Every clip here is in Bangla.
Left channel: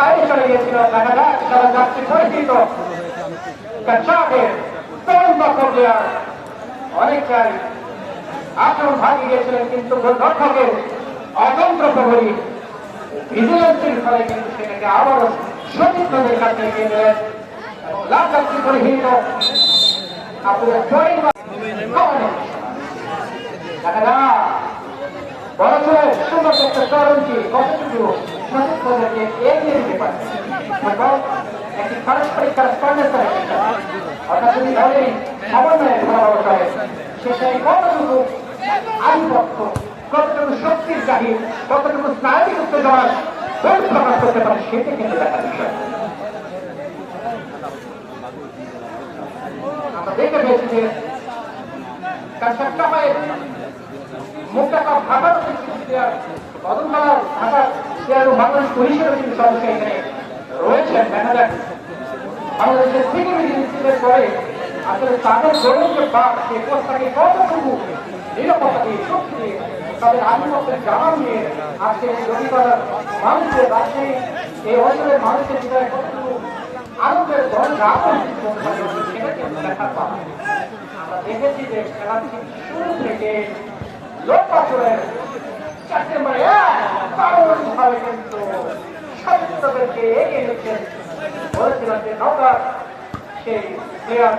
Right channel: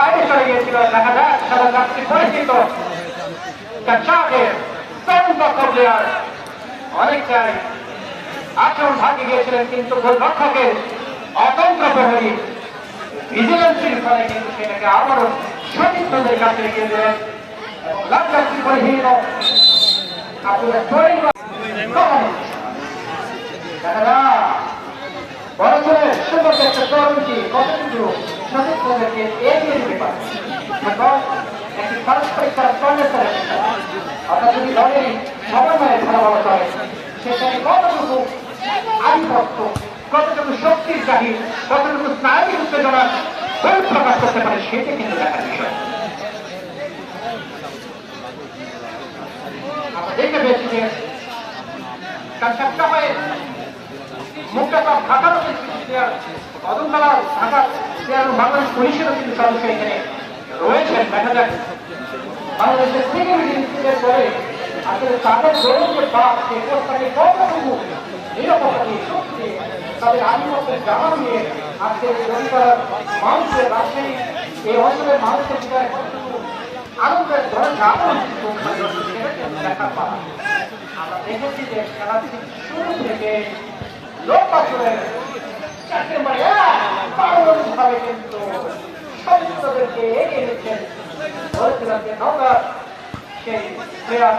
বাইরে চলে গিয়েছিল। দেখা যাক সারা যাত্রী পরিচিত পর্যায়ে অনেকটাই আচরণ ভাঙে গিয়েছিলেন, কিন্তু গোলরক্ষকের অতন্ত্র প্রহরী ভিজিলেন্সের ফলে কিন্তু সেটাকে আবারও সঠিক পদের কাছে এগিয়ে দেন। লাভ যাত্রী পরিহীন দেখা যাক বড় ছেলে সুন্দর একটা তরুণটি কতটুকু সঠিক পদেরকে এগিয়ে দিতে পারে এবং একটি পারস্পরিক অর্থাৎ যদি দলের সমন্বয়ে খেলা করে সেটাই কতটুকু আধিপত্য, কতটুকু শক্তির জাহির, কতটুকু স্নায়বিক উত্তেজনা প্রকাশ করতে পারে সেটি কিন্তু দেখার বিষয়। আমরা দেখতে পেয়েছি যে তার সপ্তাহে মুখটা সব ঢাকার কদমতলা ঢাকার বাংলাদেশ পুলিশেরও কিন্তু সদস্য এখানে রয়েছেন। দেখা যাক বাংলাদেশের সিকিউরিটি ইনস্টিটিউটের পরে আসলে তাদের গৌরব যে বাদ সে পোস্টটাকে কতটুকু নিরাপত্তা দিয়ে শক্তি দিয়ে তাদের আধিপত্যের জানান নিয়ে আজকে রবিবার মানুষের রাজশাহী এই অঞ্চলের মানুষের জীবনে কতটুকু আনন্দের ধরন দেখা পাবে। আমরা দেখেছি যে খেলা শুরু থেকে লোক আসলে 4 নম্বরে ভাবে কিন্তু সদস্যদেরকে এগিয়ে নিচ্ছেন। বলেছিলাম যে নৌকার সেই প্লেয়ার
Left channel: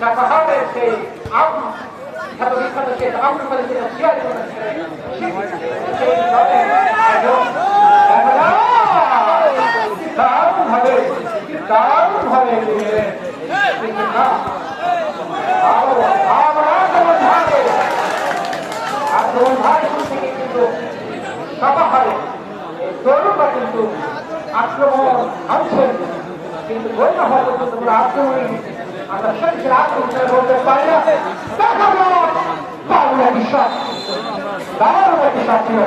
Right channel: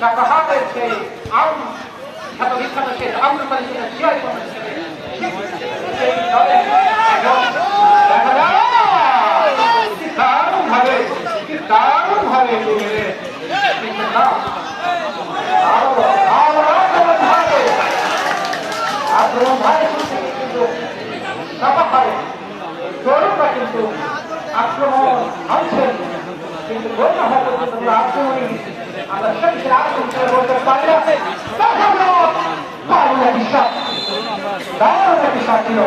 জাপাহাতের সেই বিখ্যাত সেই আমরুপালি শেয়ার তরুণরা কিন্তু আক্রমণ আনছেন, কিন্তু গণ্য হওয়া পর্যন্ত আক্রমণই আমরা শক্তির আক্রমণ করে বলতে পারি না। দারুণ একটি শট ছিল।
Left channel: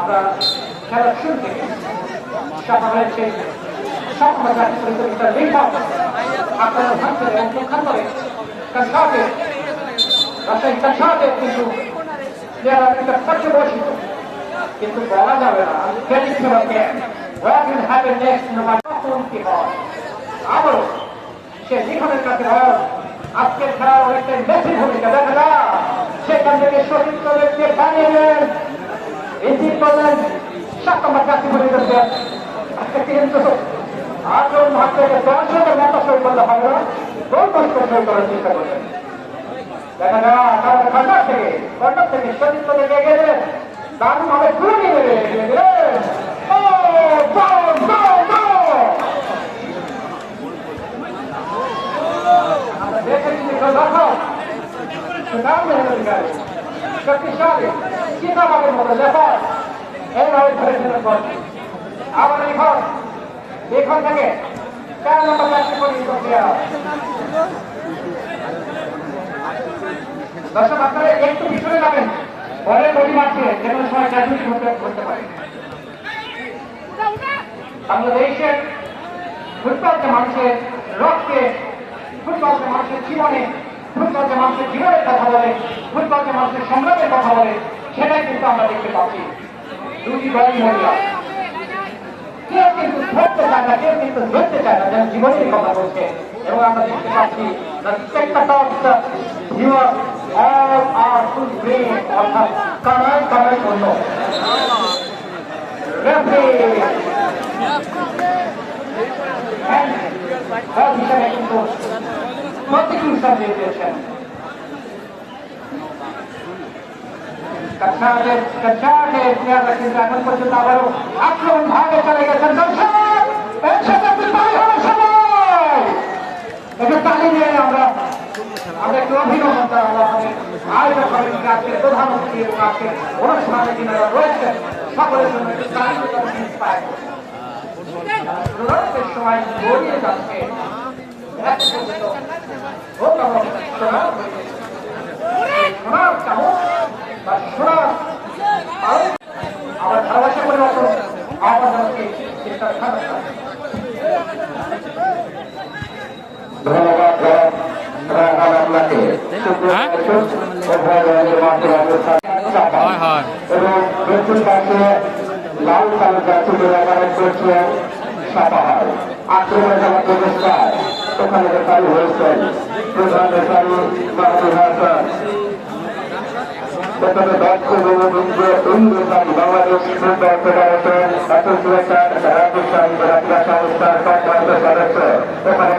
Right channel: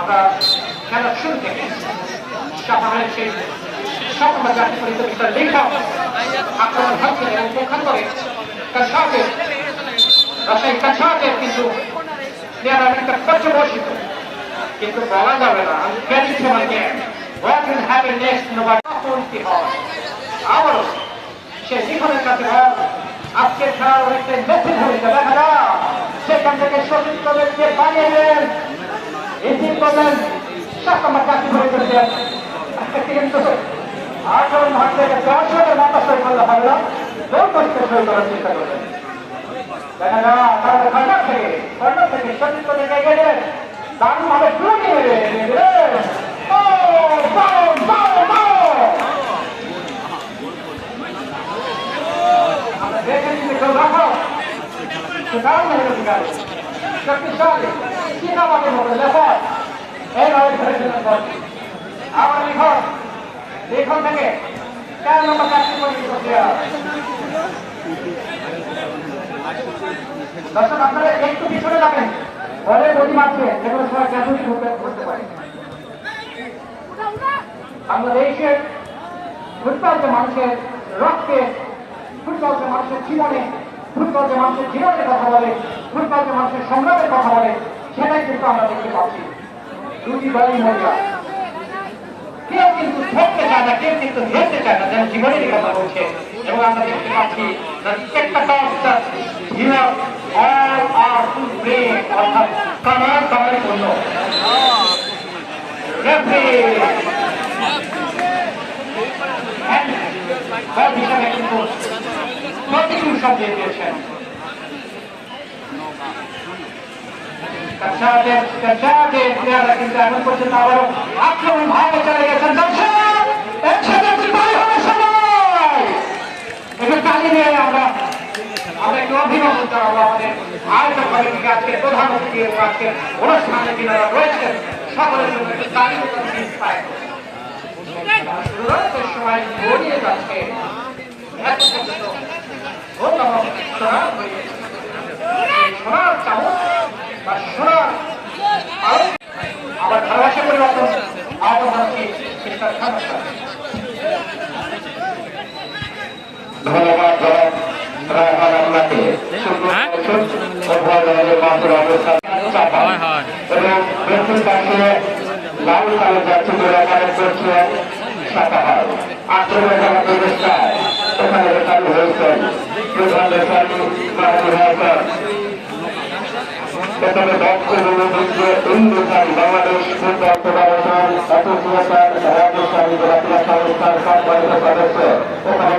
আমরা খেলার শুরু থেকে সেই স্বপ্ন জাতি পরিচালিত লেখক আক্রমণ ভাঙছেন এবং প্রখ্যান করে রাজশাহী কাছাড়ের কিন্তু প্লেয়াররা একটা পর্যবসিত, কিন্তু বলা যাবে না আবারও সে লিখনের কাছে আজকের খেলার অনেকটা মেসেজ ভূমিকা দেখা যায়। সেখান থেকে শহীদ কলেজকে বানিয়ে নেন রিসিভ করলেন 7 নম্বর জাতি পরিচালিত আজকে কিন্তু আক্রমণ ভাঙতে 10 জনের মতো সই করলে হবে না, 2 কষ্ট সই করার চেষ্টা করবেন। দেখা যায় কর্নার থেকে শহীদ কলেজকে এগিয়ে দেন, দারুণ ভাবে শুরু নিয়ে নেবেন। শক্তিশালী চিন্তাভাবের মতো লেখা এইভাবে ধরেছিলেন। আবার লিখন থেকে 4 নম্বর চাকরি প্রক্রিয়া। দর্শক আপনারা একটু পিছনে যাবেন, বলের বডি মারছে যেগুলো সময় চাকরি করতে পারে। বাংলাদেশের ফুটবলকে মানুষের রক্তে, ফুটবলকে মানুষের জীবনে, ফুটবলকে মানুষের জীবনের কথা বলে, ফুটবলকে মানুষের সংগ্রামের কথা বলে, সেটাই কিন্তু আমরা দেখতে পাচ্ছি। 2টি দলই মহিলা, কেউ কিন্তু ধরতে চায় না, কেউ কিন্তু ধরতে চায় না, যেন জীবনেরই কথা বলছে। এবং আমরা দেখতে পাচ্ছি অর্থাৎ কামাই পণ্য হিসাবে কিন্তু প্রতিকূল সাজিয়ে দিয়েছেন। কিন্তু এখন পর্যন্ত আবারও আক্রমণ ভাবে চলে গেছেন। একটু তালি দিয়ে আমরা একটু অভিনন্দন জানাবো আয়োজক কমিটিকে, আজকে প্রধানমন্ত্রী এবং আজকে অনুষ্ঠানে যিনারা রয়েছেন সকলের সময় গড়িয়ে যাচ্ছে। সোনার চামচ বা সোনার আবার ভালোবাসা পরিবর্তন আহ্বান জানাচ্ছি এবং দক্ষিণ পাশে লাল কালো যাচ্ছে রেফারেন্স করছেন সাতাহার আক্রমণ করার ব্যবস্থায় ওখানে রেফারি হয়েছেন প্রধান রেফারি মাহাদুর হাসান। প্রথমে দক্ষ referee Bangladesh football federation association Rajasthan রাখিয়া সংস্থার সম্মানিত সদস্য ওখানে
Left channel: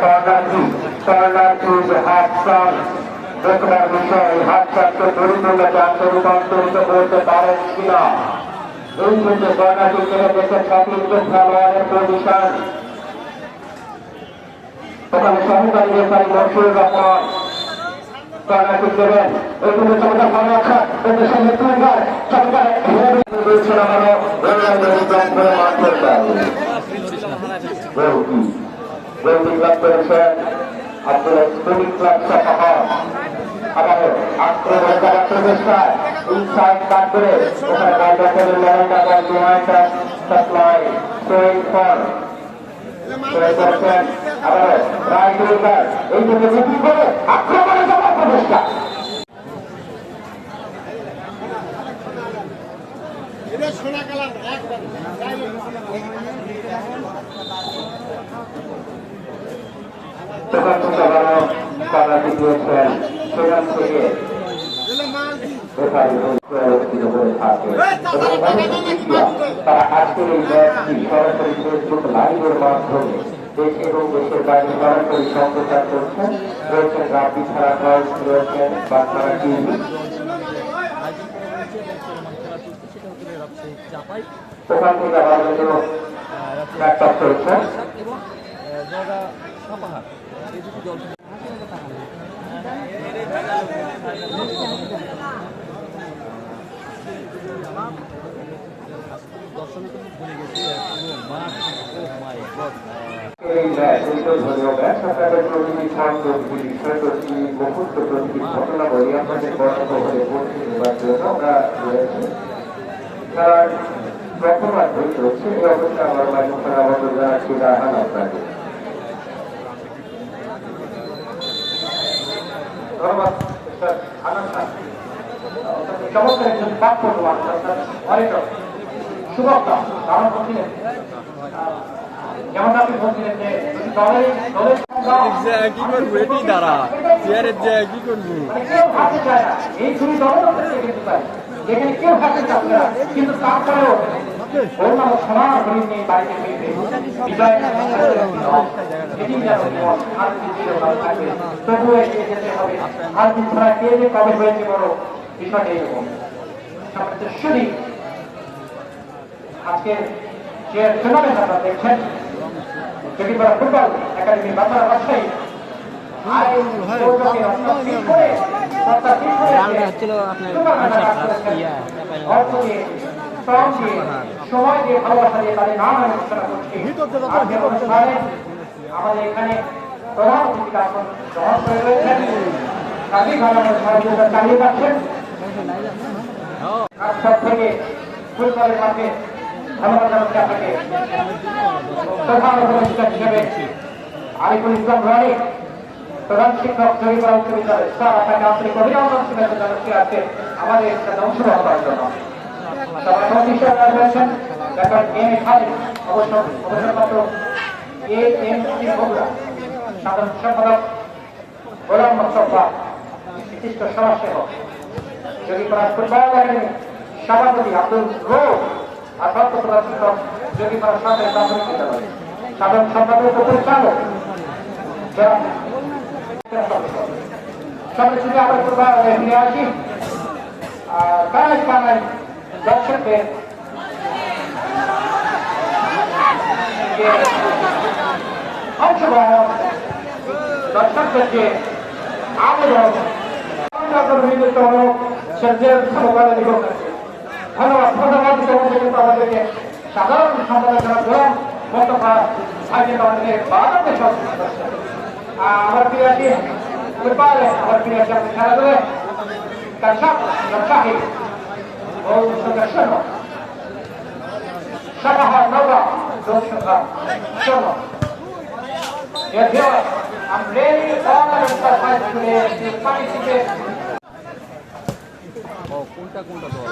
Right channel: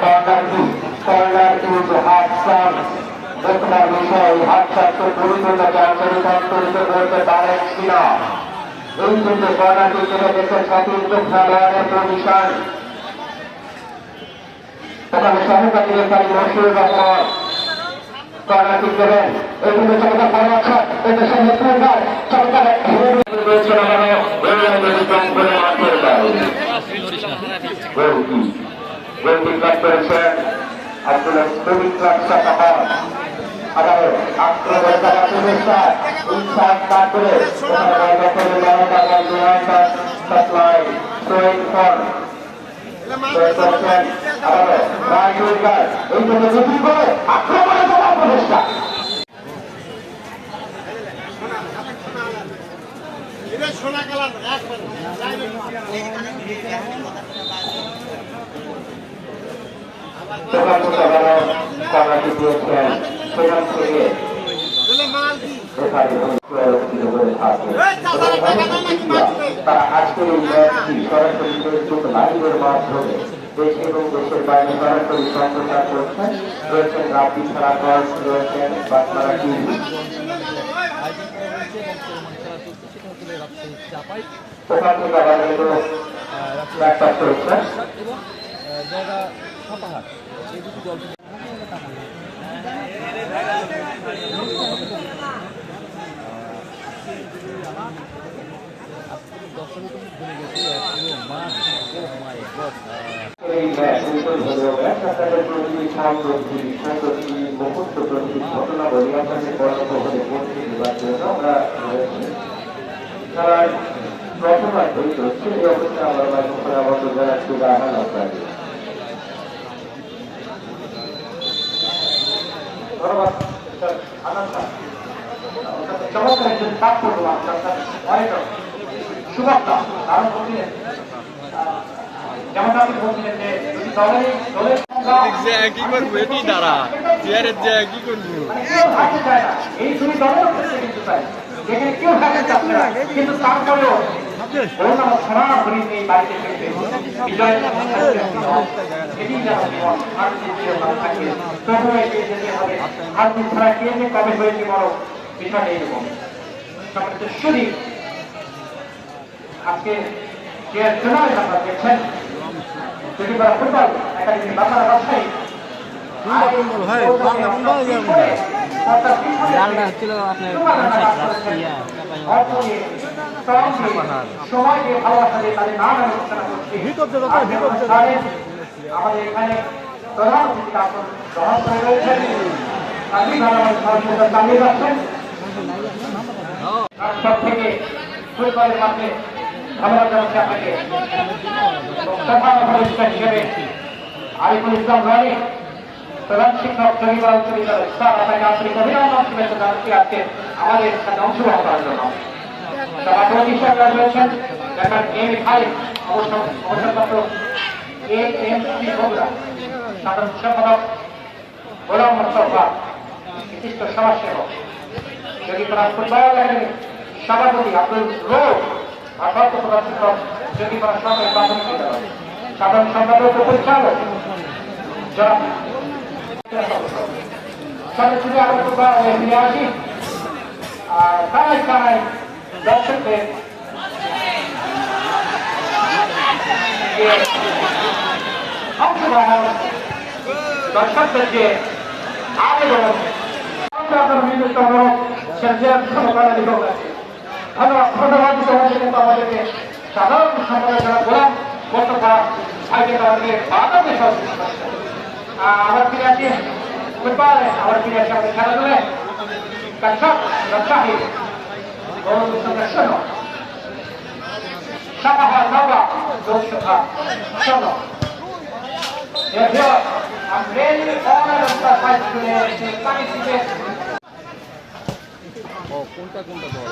কর্নার ইজ হাফ সাম দেখবার বিষয় হাত চারটে পরিপূর্ণকে আন্তরিক অন্তরিত করতে পারেন কিনা এই কিন্তু কর্নারটি ছেড়ে দেশের সতীর্থ খেলোয়াড়ের পজিশন ওখানে সহকারী রেফারি মশিউর রহমান কর্নারটি দেবেন এই কিন্তু সরকার পরামর্শক দেশের নেতৃত্বের সরকার দিয়েছেন এখানে করেছেন আব্দুল ক্লাব সাপাহার আবারও আক্রমণ করার চেষ্টায় ইনসাইড কাট করে ওখানে বাইরে করে লড়াই বিমানটা সাপ্লাই সোয়েন ফর করছেন আবারও রাইট উইঙ্গার এই জন্য বিক্রি করে আক্রমণে যাওয়ার প্রচেষ্টা সোনা কালার দিয়েছেন সেখান থেকে তারা আজকের এই ম্যাচটি সরাসরি ফেসবুক লাইভের মাধ্যমে দেশ এবং দেশের বাইরে সরাসরি সম্প্রচার করছেন। রয়েছেন রাব্বি ছাড়া গল্প, রয়েছেন বাগমারা টিভি। ওখান থেকে আবার কিন্তু ল্যাপটপ করেছে ঘটনাবলী আপনাদের বর্ণবহরে পৌঁছে দেওয়ার জন্য আমরা খেলার প্রথমার্ধেই চলছে। এই অবস্থায় আমার মাইক্রোফোন আমাদের জানাচ্ছি রাহান আপনাকে। চমৎকার একজন পাঠ করবো অনেক শুভক্তা আমার বলছিলেন যেমন আপনি বলছিলেন যে কি করবো এটি দ্বারা কি করবো এই দুই দলের যেখানে কেউ থাকেন আপনারা কিন্তু তারপরেও সরাসরি নেই বাড়িতে বিজয় আর ছাড়া কে যে কবে হয়েছে বড় বিষয়টা এরকম শুধু আজকে যে টুর্নামেন্ট আপনারা দেখছেন যদি ফুটবল একাডেমি বাংলা রাজশাহী সময় দিয়ে ভালোবাসা দিয়ে তাদের নাম আমি ঘোষণা করছি। আমাদের এখানে প্রধান অতিথি আসন গ্রহণ করে রয়েছেন চালিয়ে যাচ্ছেন সব থেকে ফুটবলের মাঠে ধন্যবাদ জানাচ্ছি আপনাকে প্রধান অতিথি হিসেবে আরিফুল ইসলাম রানী প্রধান শিক্ষক জমিবাল বিদ্যালয় স্যার আপনাকে আন্তরিক অভিনন্দন শুভেচ্ছা জানাচ্ছি আজকে আমাদের সাথে অংশগ্রহণ করার জন্য। রয়েছেন ডাক্তার এম এ খালিদ অবসরপ্রাপ্ত AMC বগুড়া সাধারণ সম্পাদক গোলাম মোস্তফা বিশিষ্ট সমাজসেবক জগিপাড়া ফুটবল একাডেমি সভাপতি আব্দুল রোজ আর সর্বপ্রধান শিক্ষক জগিপাড়া সরকারি প্রাথমিক বিদ্যালয় সাধারণ সম্পাদক ও পরিচালক সবাই শুধু আমরা ফুটবল ফিরে আসি আর বাংলায় দর্শকদের অংশগ্রহণ দর্শকদের যে আবেদন ধন্যবাদ আমাদেরকে সাধারণ সম্পাদক গোলাম মোস্তফা ভাইকে আমাদেরকে আবার ফিরে আসি ফুটবল আবার ফিরে আসি আমাদের খেলাধুলায় রাজশাহী সাপাহার নওগাঁ লোকসভা শোনো I'm really honored and surprised today to participate. কোনটা কোনটা দল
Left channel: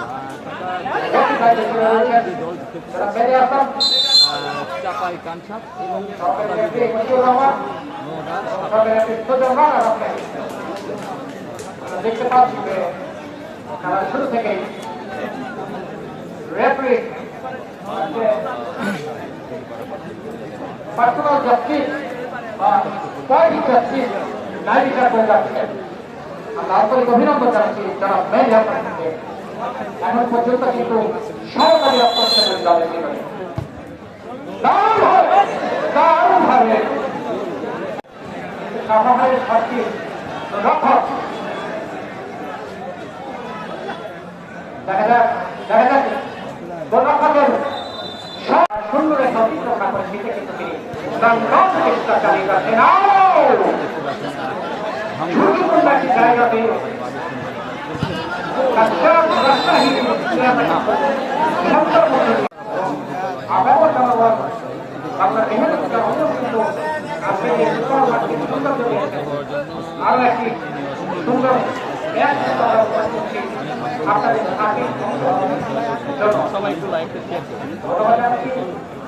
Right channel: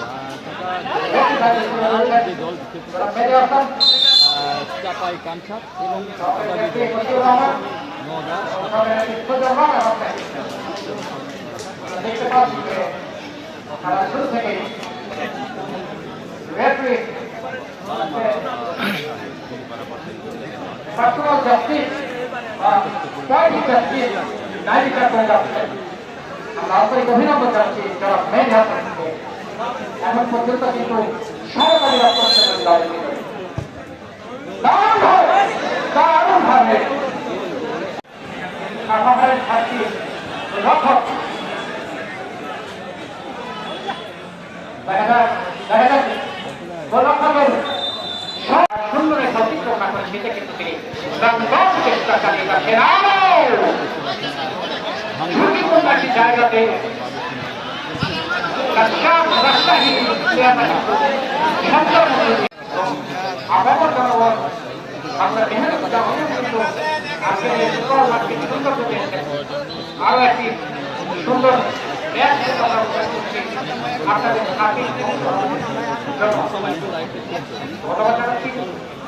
দল চাপাই কামসাপ এবং দেখতে পাচ্ছি যে শুরু থেকেই রেফারি পার্সোনাল জাস্টিস বা পয়েন্ট জাস্টিস নাই বিচার করে যাচ্ছে। আমরা আন্তরিক অভিনন্দন জানাচ্ছি যারা মেন আপনাদেরকে এখন পর্যন্ত কিন্তু সরকারি অপরাধের দাবি করে দারুণভাবে সভাপতির শক্তি রক্ষক গোলরক্ষকের সুন্দরের প্রতিক্রিয়া করে সেটা কিন্তু তিনি চেষ্টা চালিয়ে যাচ্ছেন। জায়গাতে আরো একটি সুন্দর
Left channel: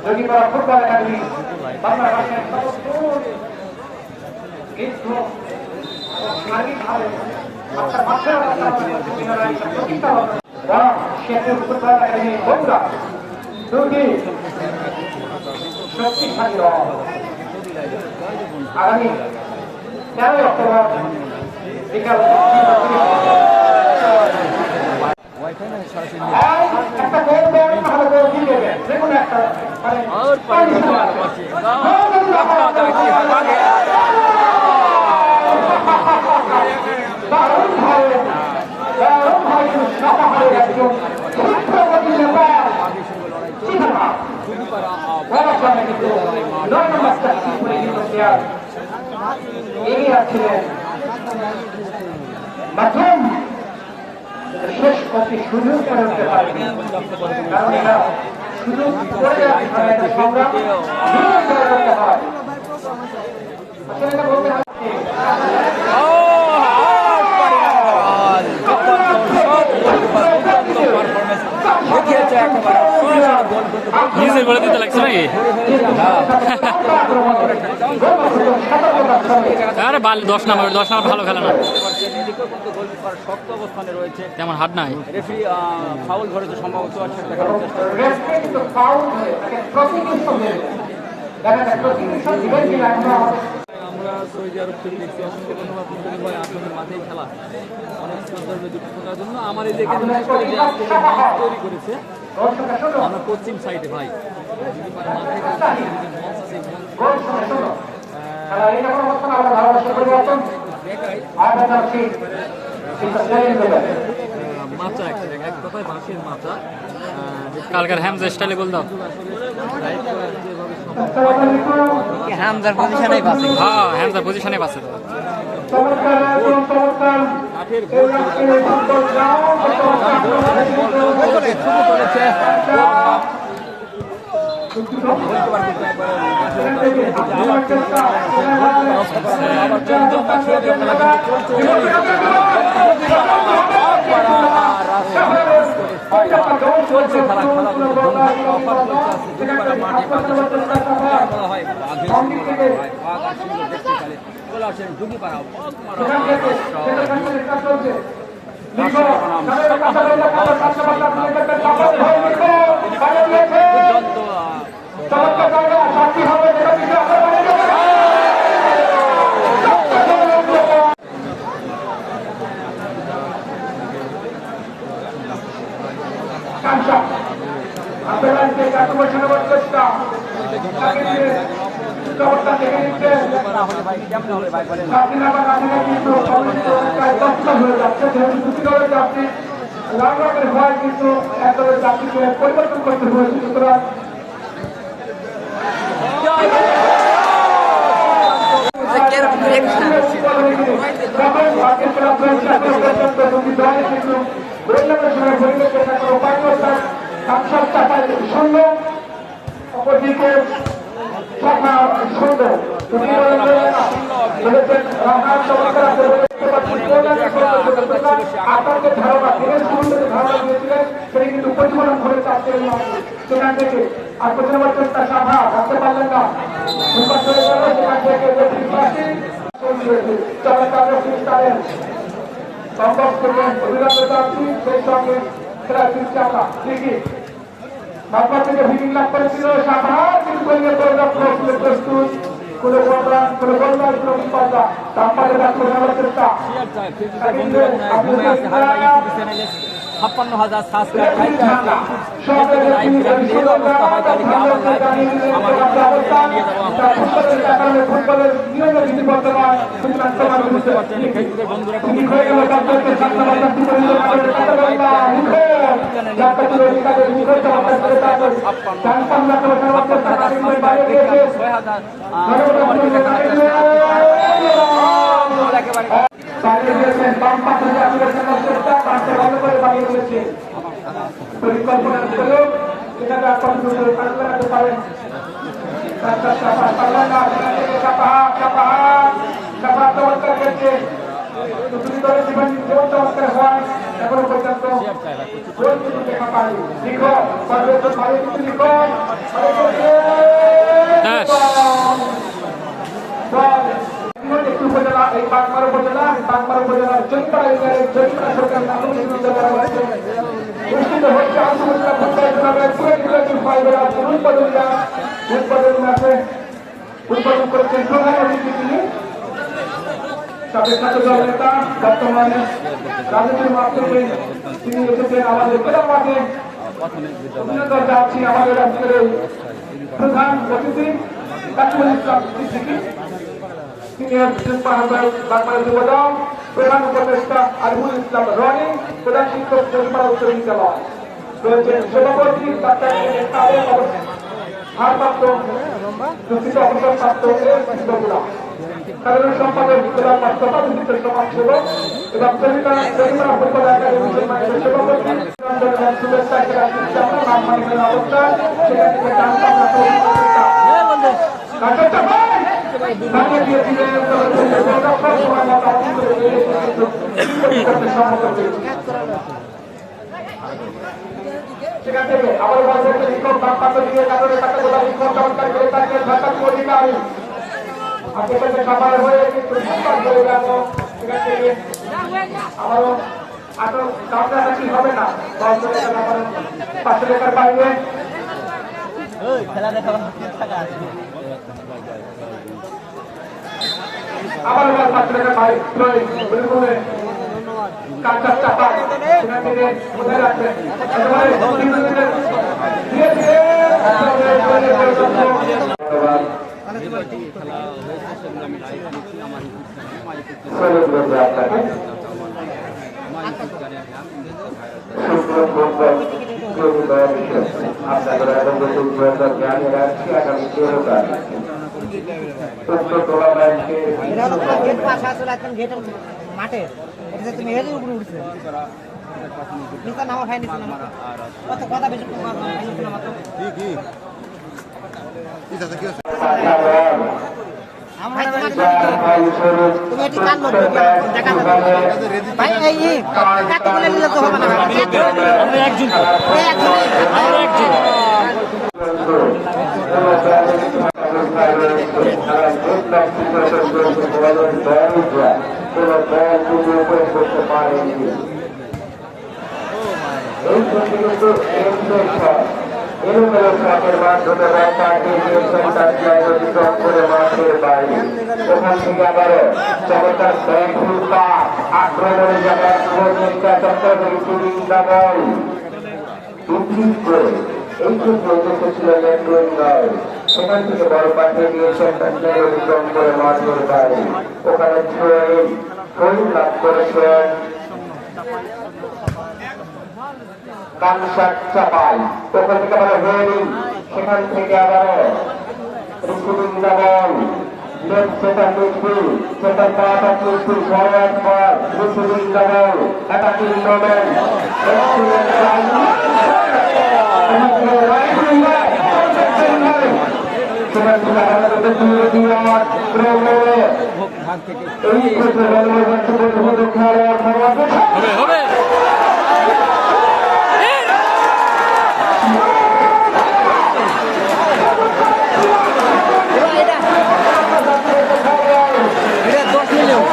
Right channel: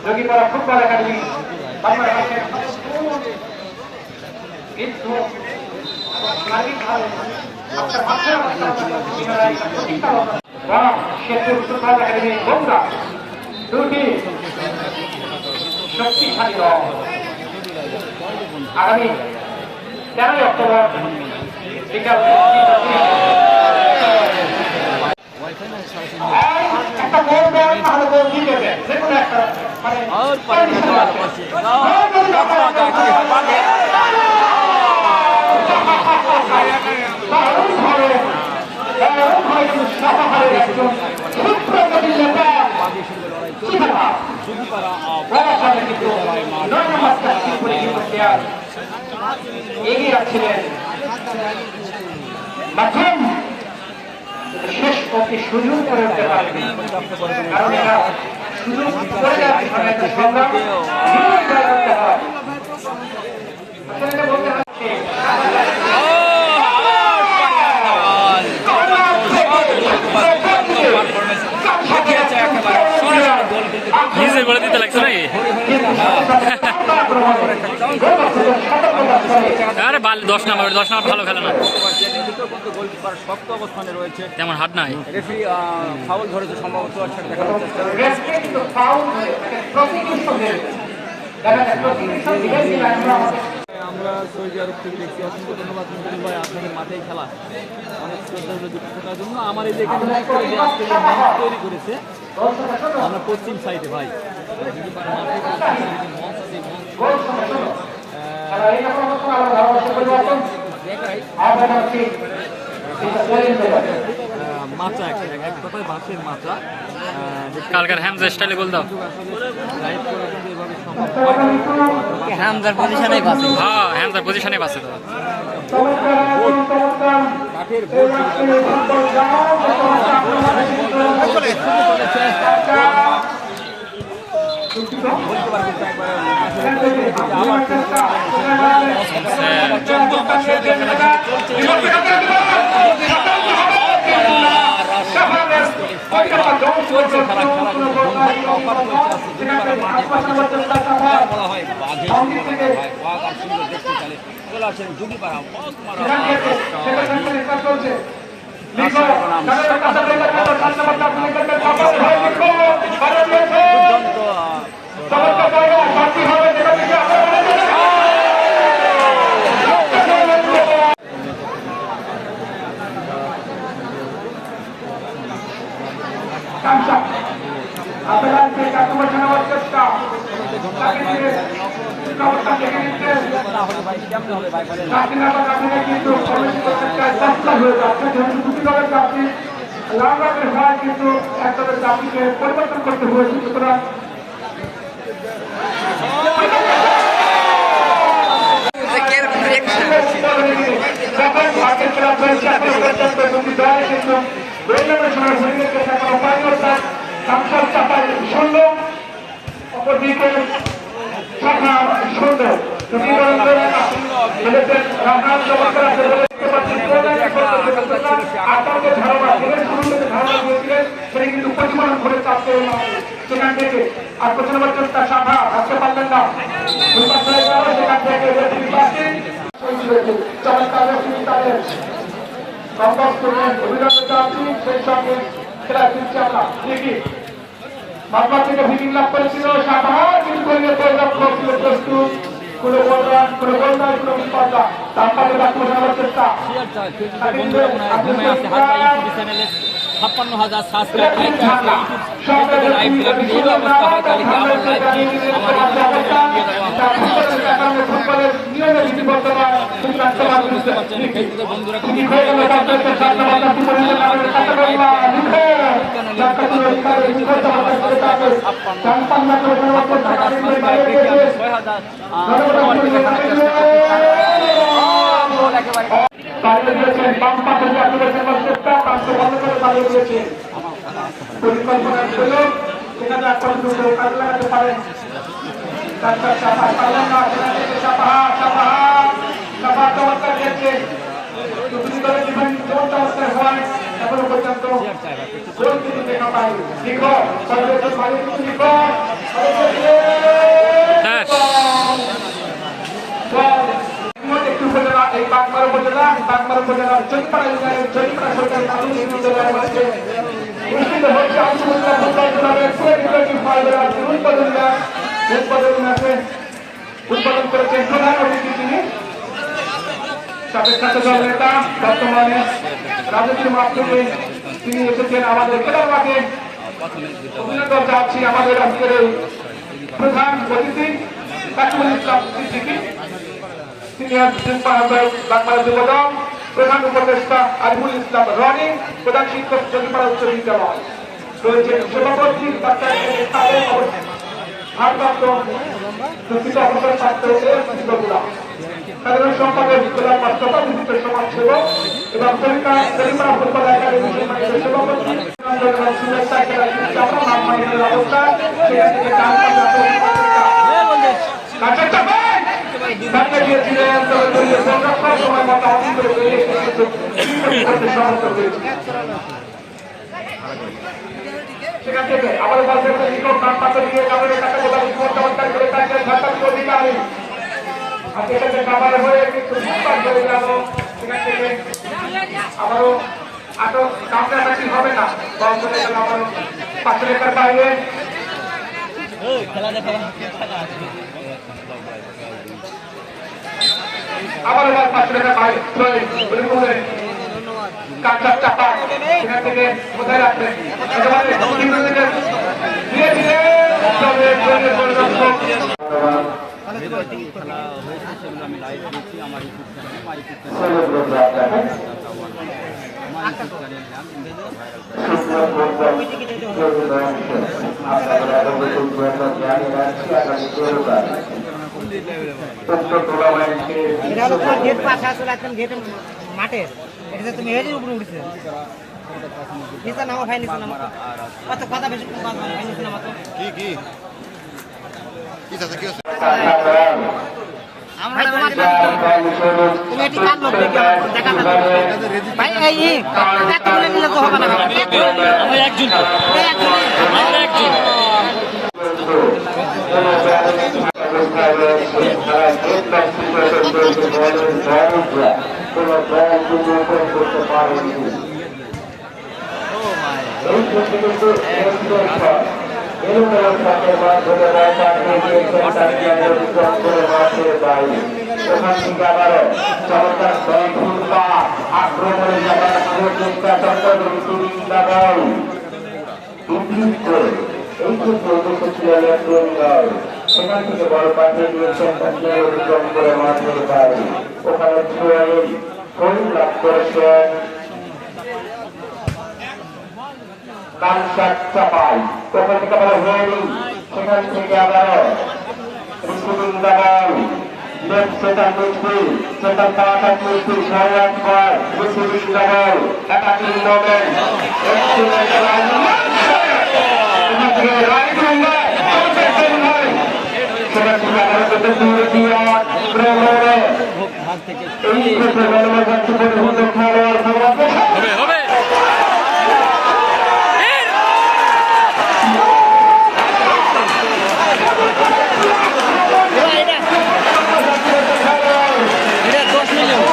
যোগীপাড়া ফুটবল একাডেমি বাংলাদেশের সেতুর ফুটবল একাডেমি বগুড়া দুটি শক্তিশালী আগামী 13 অক্টোবর বিকাল একটা বল দেন তাহলে বল জিতে যাবে যে কোনো একটা মানে কন্ডিশন আছে দারুণভাবে সাহাহারের একজন ক্ষিপ্রগতির নেতা এগিয়ে যাচ্ছিলেন মাধ্যম শেষ করতে সুযোগ করে উঠতে পারবেন কারণ এটা সুযোগ করে যাওয়ার একটা সংগ্রাম নিয়ন্ত্রণ করতে হয় আসলে এটা বলতে হচ্ছে নিজে বলে দিতে লাগছে নাকি? আরে 10 নাম্বার ভালো খেলে না, তেমন হাত নাই। আমরা সৌদি আরব থেকে এসেছি, অসংখ্য ধন্যবাদ ভাই আপনাদের মাঠেও খেলা অনেক থাকার জন্য। আমার এই যেখানে তৈরি করেছে আমরা পশ্চিম সাইডে ভাই মাচা এক কথায় বাঁশের মাচা। কালকার হ্যামজার স্টাইলে গোল দাও। হ্যামজার পজিশনে বাসে, হ্যাঁ হ্যামজার পজিশনে বাসে তো। চলছে খেলা কিন্তু অফার চলছে আছে দুপুরে মাঠে বলা হয় বাঘের বাঘ আর সুন্দর দেখতে চালে বলে আছেন যুগিপাড়া ভাই কেমন হবে ভাই বলেন পরিবর্তন করতে হয়েছে। সুতরাং অপরদিকে শাখা সুন্দর বলেছেন রাখাল চমৎকার আছে বলে দেখতে পাচ্ছি কোনাকে করতে সুতরাং আপনাদের ধারণা যেভাবে শুরু থেকে ধারণা দিয়েছিলেন সেটা কিন্তু প্রতিফলন করে চাপ করে সেখান থেকে আপনার চোখটা সাভা ভাবতে পারলেন না সেখান থেকে সম্ভব করবেন অভিনন্দন আছি সেই সঙ্গে খেলা ফিরছে আমরা ঠিকই বারবার থেকে ভিডিং লাভ করেছিল সাধারণ কিন্তু পরিলক্ষণ ছিল প্রস্তুত কোনো বলরান কোনো বলরান কোনো বিপদা তারপরে ডাক্তার নেওয়ার চেষ্টা বন্ধুরা মনে হয় ঘুমে আছে হারবা ইউটিউব চ্যানেলে 56,000 সাবস্ক্রাইব লাইভ দিলাম এই অবস্থা হয় তাহলে কি আমার লাইভ কি আমার বুঝতে পারছেন ফেসবুকের বন্ধুরা কিন্তু বাম পাশে চেষ্টা পাঁচশো ভালো করে বানিয়ে দিয়েছে পরিকল্পনা করে সেখানে আপনার লাগাতে পারেন চমৎকার খেলছে দুটি দলের জীবন চমৎকার হওয়ায় এখনো পর্যন্ত গোল কিন্তু দেখা পাই লিখো সর্বেশ্বর ভালো কিন্তু লিখো একটু উপজেলা এই বাগমারা উপজেলা বাগমারা উপজেলা চরিপাড়া সরকার অনুষ্ঠিত হচ্ছে আন্তর্জাতিক ফুটবল টুর্নামেন্ট পুরো নির্বাচনী ফাইনাল আছে উৎপাদন আছে উৎপাদন করেছেন প্রধান অতিথি তিনি সাথে সাথে দল নেতা বর্তমানে রাজনীতির মাধ্যমে তিনি এসেছেন আমাদের খেলার মাঠে অভিনন্দন জানাচ্ছি আমাদের আজকের প্রধান অতিথি কাকুল ইসলাম সিদ্দিকী সিনিয়র প্রিন্সিপাল বাংলাদেশ যুবদল প্রধান উপদেষ্টা আরিফুল ইসলাম রনি প্রধান শিক্ষক চরিপাড়া উচ্চ বিদ্যালয় রয়েছেন সভাপতি ভারপ্রাপ্ত দুঃখিত অবসর প্রাপ্ত শিক্ষকরা সাধারণ সম্পাদক জেলা বাস্তবা বিশিষ্ট সমাজসেবক এবং চরিপাড়া ফুটবল একাডেমির সভাপতি সেখান থেকে আবার শিক্ষক পাত্র দিয়ে কাপড়ের টাকা গোলা শিক্ষক চমৎকার করে থাকলেন ভারপ্রাপ্ত অধিকারী আর সেটাকে খাবার হয়ে কিন্তু করে গেল সেখান থেকে আবারও আরো কাছাকাছি হবে না পাঁচশো টাকার বাইরে খেলা দেখা আবার এবার 5 টাকা ভাই বলে কাকা চাপা সেখান থেকে কোথায় রাখবেন ধীরে ধীরে মাঠে তুমি হেঁটে উপরে উঠছে নিচে নামা ভাই নিচে নামা কত কথা বেশি ভাই নিচে নামা তো কি আমরা তুমি এটি কান লোক দেখা ভাই এই কাট বলে নিলে তো হবে না আমরা একজন আমরা একজন করতে পারেনি এই কিন্তু এলোমেলো ট্রাকের মাধ্যমে অতিক্রম করে মাঠের বাইরে ওখান থেকে আবারও চমৎকার আক্রমণে যাবার চেষ্টা চক্রবর্তী করে এই ক্ষেত্রে উদ্দেশ্য ছিল সেখান থেকে বড় পাঠিয়ে দিয়েছেন তাকে অতিক্রম করে মাঠের বাইরে ওখানে শরীর লাভ করেছেন কানসার চাপাই ওখান থেকে আবার হেডিং সেখান থেকে আবার receiving double left centre midfield centre power midfield সর্বাধিকার রিসিভিং ডাবল অ্যাটাকিং মডেল আজ থেকে হবে হবে এটা 10 মিলিয়ন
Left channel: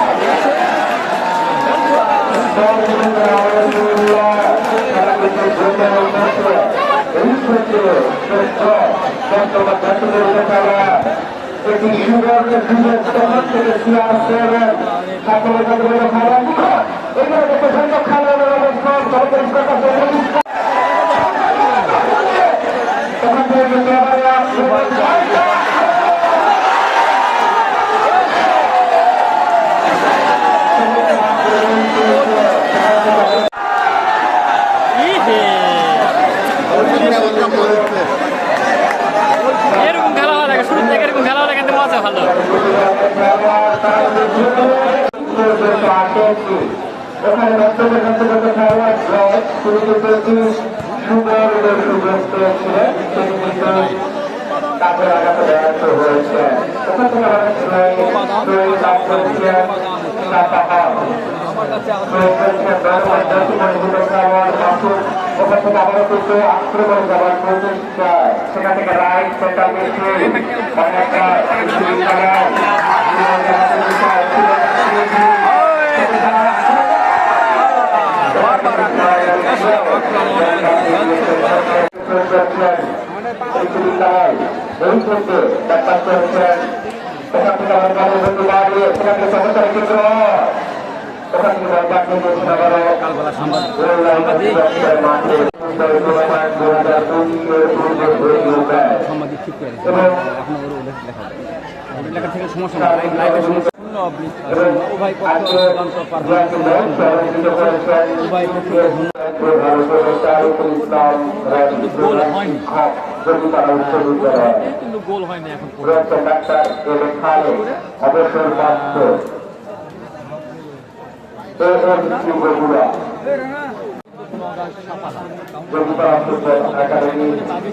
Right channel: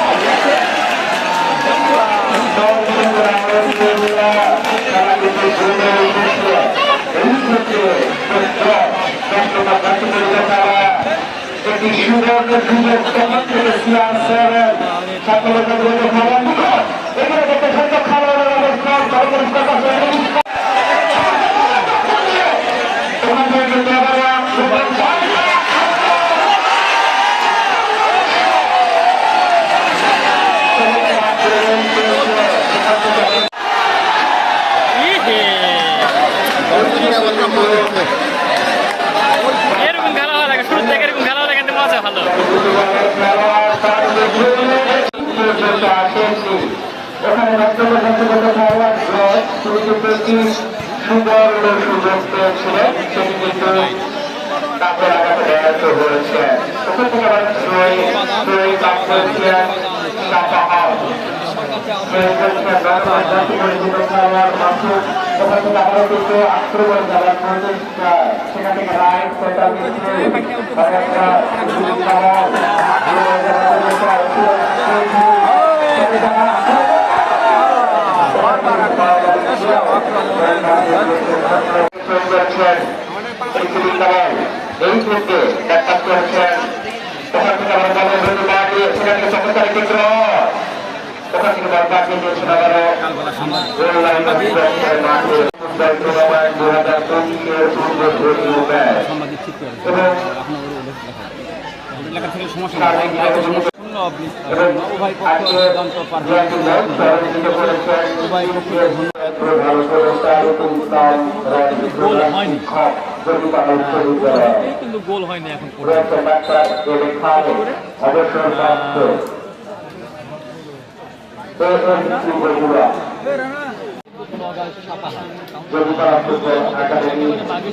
এরকম খেলা হওয়া লাগে শুরু থেকে এরকম খেলা হলে কিন্তু মজা ভালো আমার কাছে সেখান থেকে রাইট সেন্টার এই থেকে ব্যাপার করেছেন ওখান থেকে আমার গ্রামের দাঁড়িয়ে সেখানে সরকারি ক্ষেত্র ওখান থেকে দরকার সাংবাদিক ঠিক করে আপনার লেখা লেখা থেকে সমস্যা নেই লাইভে সমস্যা শূন্য উভয় পক্ষ সিদ্ধান্ত উভয় পক্ষকে কিন্তু গোল হয়নি এখন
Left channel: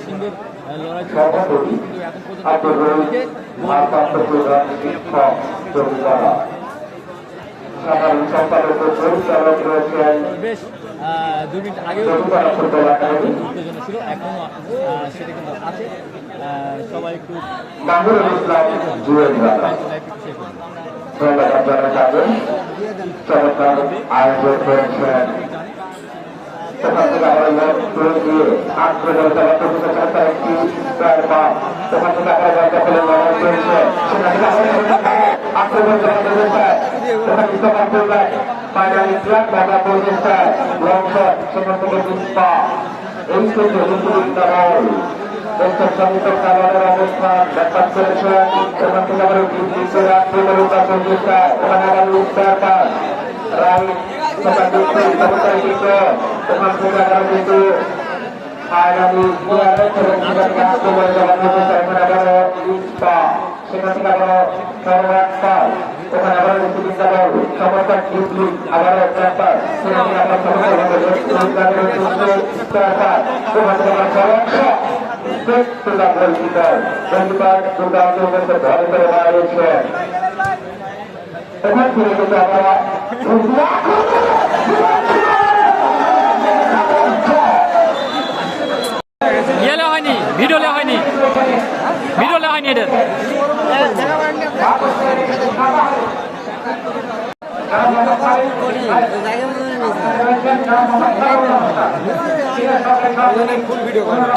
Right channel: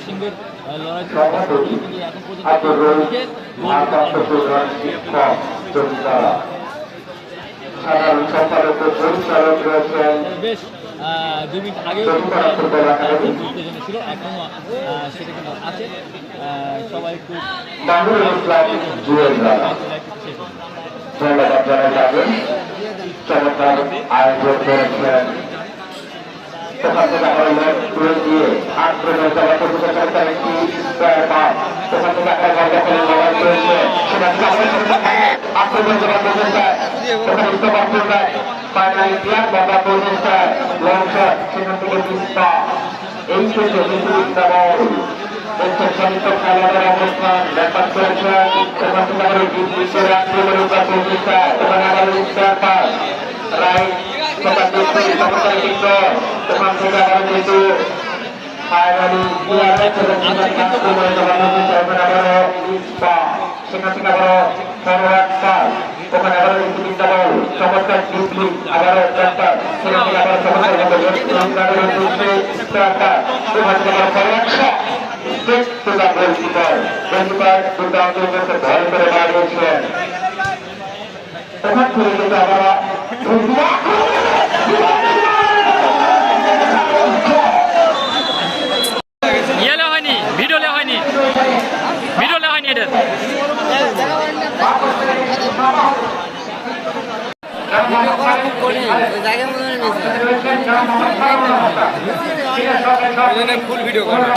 সিংহের লড়াই কিন্তু এখন পর্যন্ত বেশ 2 মিনিট আগেও উত্তেজনা ছিল এখনো সেটা কিন্তু আছে সবাই একটু ইয়েলে হয়নি ভিডিওলে হয়নি এদের ফুল ভিডিও করা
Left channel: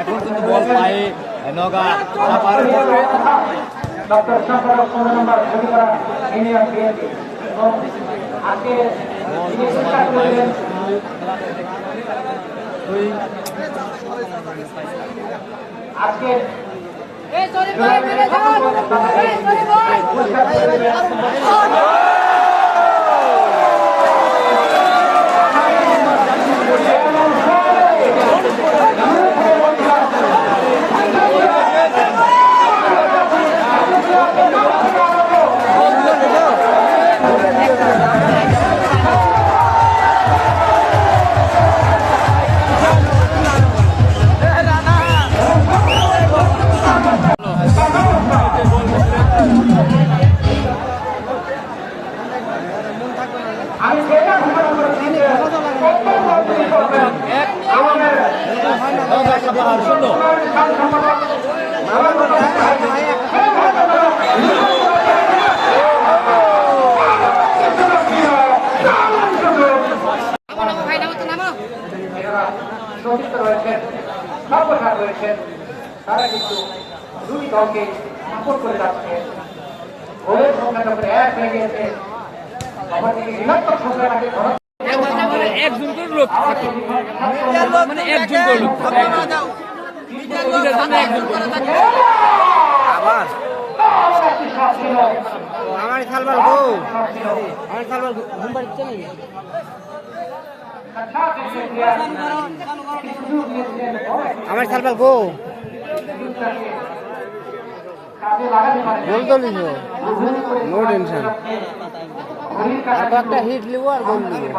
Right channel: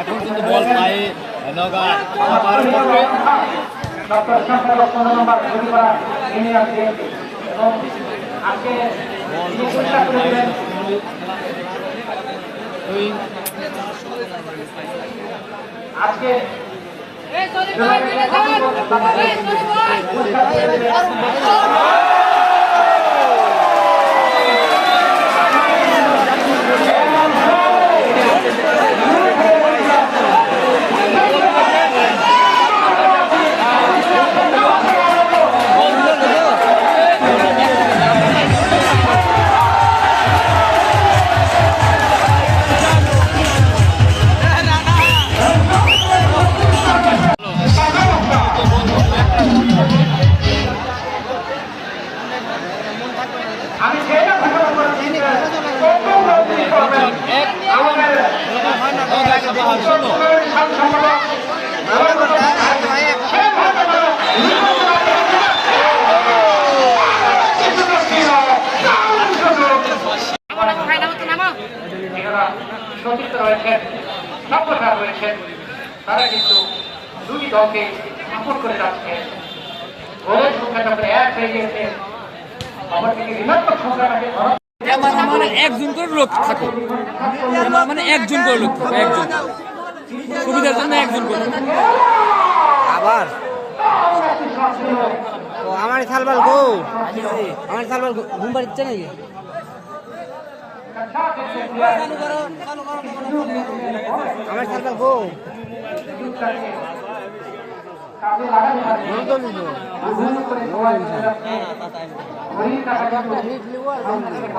এখন কিন্তু বল পায়ে নগা পড়বে আজকে এরা সতীর্থ রয়েছেন, সর্বসার রয়েছেন, তারা কিন্তু দুই দলকে সাপোর্ট করে যাচ্ছে। গোলের সংখ্যাটা প্রায় এক হয়ে গিয়েছে। অপরদিকে ঋণাত্মক সংখ্যা থাকে একজন করে লোক থাকে, মানে একজন করে লোক থাকে, একজন সুবিধার জন্য একজন করে। আবার ও আমার সালবাল গো, আমার সালবাল ঘুম পাড়ছে নাকি? আমার সালবাল গো কাজে লাগাতে পারে গোল তো লিখো, নো টেনশন। একটা হিট লিব আর গোল লিব।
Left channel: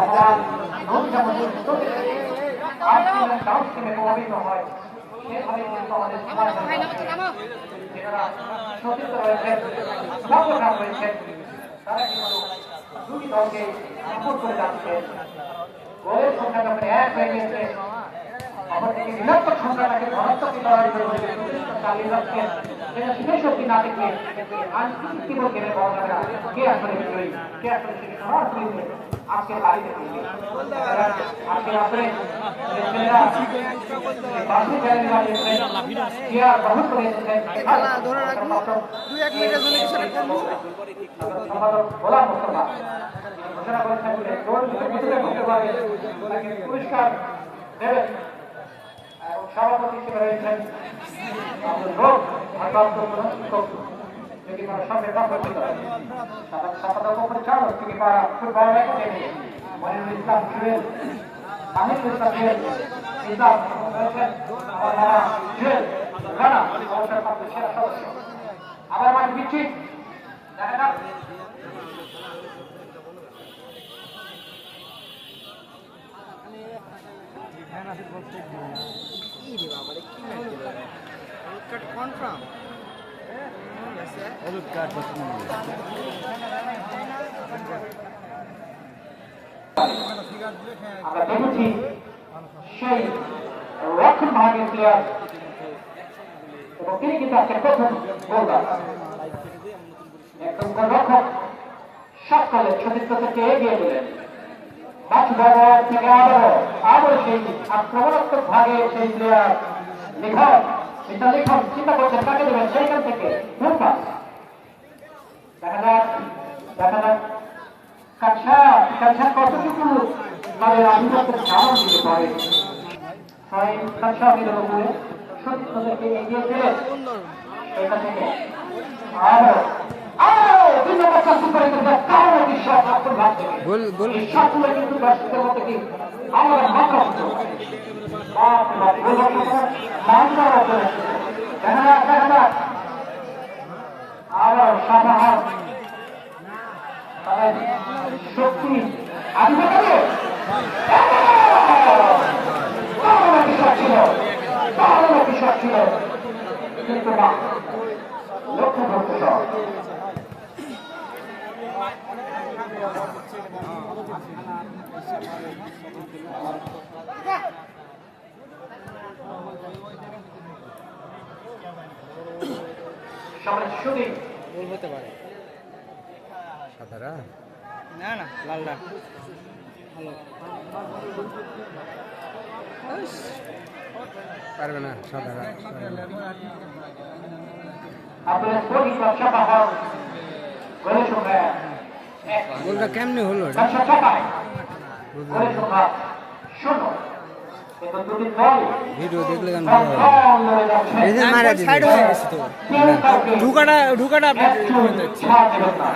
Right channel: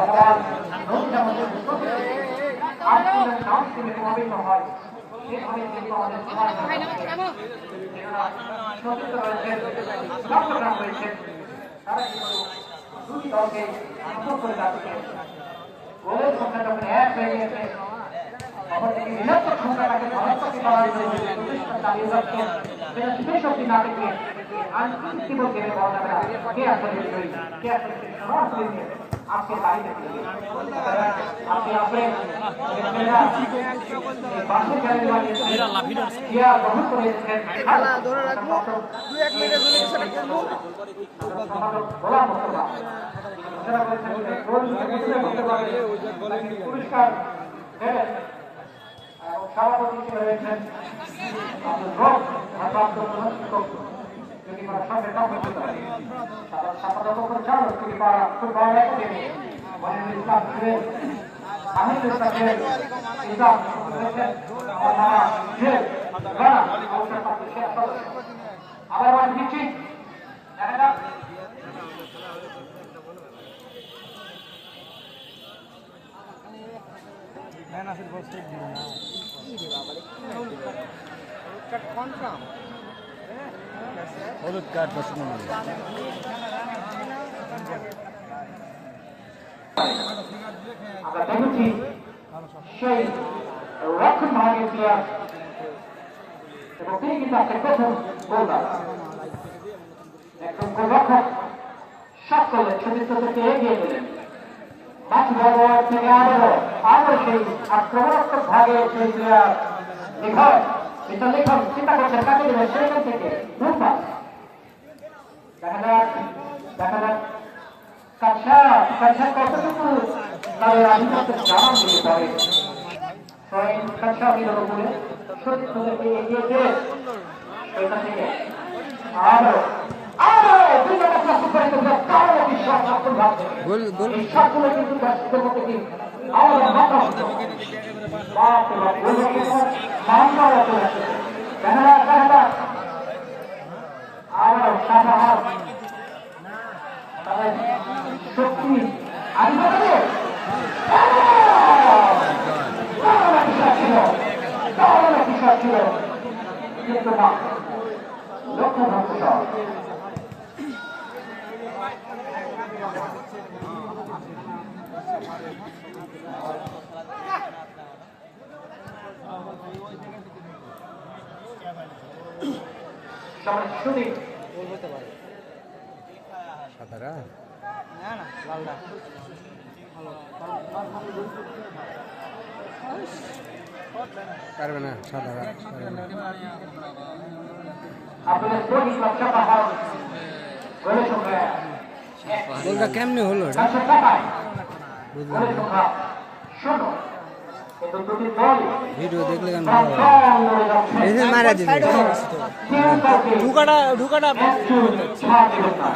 গোলের সংখ্যাটা প্রায় এক হয়ে গিয়েছে। অপরদিকে ঋণাত্মক সংখ্যাটাকে ধনাত্মক করার জন্য চালিয়ে যাচ্ছেন। যেটা শিবেশ্বরী নাটকে কি বলতে পারা যাবে না। কে আসলে বিজয়ী, কে আসলে সরাসরি আজকে দাঁড়িয়ে আজকে আসলে খেলা ধরে রাখবো, 2-1 মিনিটের জন্য কিছুটা করবো। পুরস্কার দেবেন সভাপতি হিসেবে রয়েছেন ফুটবল একাডেমি মনিরুল ইসলাম ছিলেন, মাহিদুল ইসলাম ছিলেন, ইসলাম রয়েছেন, আবার মাঠ দিচ্ছি হলুদ কার্ড পছন্দ নেই। আমরা দেখেছি সেই রক্ষণ ভাগের প্লেয়ার এবং তিনি কিন্তু আজকে প্রথম বোলার। একজন গোলরক্ষক শট করলেন, সতীর্থ থেকে এগিয়ে দিলেন। বাকি ব্যবহার থেকে আবারও সেই আক্রমণাত্মক ভাগে সেই প্লেয়ার লিখন, এটা লিখন চিন্তা করছেন কাকে দেবেন সেইখান থেকে দেখা যাক কাছা কতটুকু তাদের আধিপত্য জানান দিয়ে পড়ে। কাছা দিল বলে সতীর্থ থেকে এগিয়ে দিলেন সেইখান থেকে আরো গোল গোল সাদারা না না লালটা ভালো পারবে না সাদারা। গোলটা কেমনে হলো এটা বুঝলাম না, ভিডিও দেখলে কেন মারা দিবে। ঢুকাটা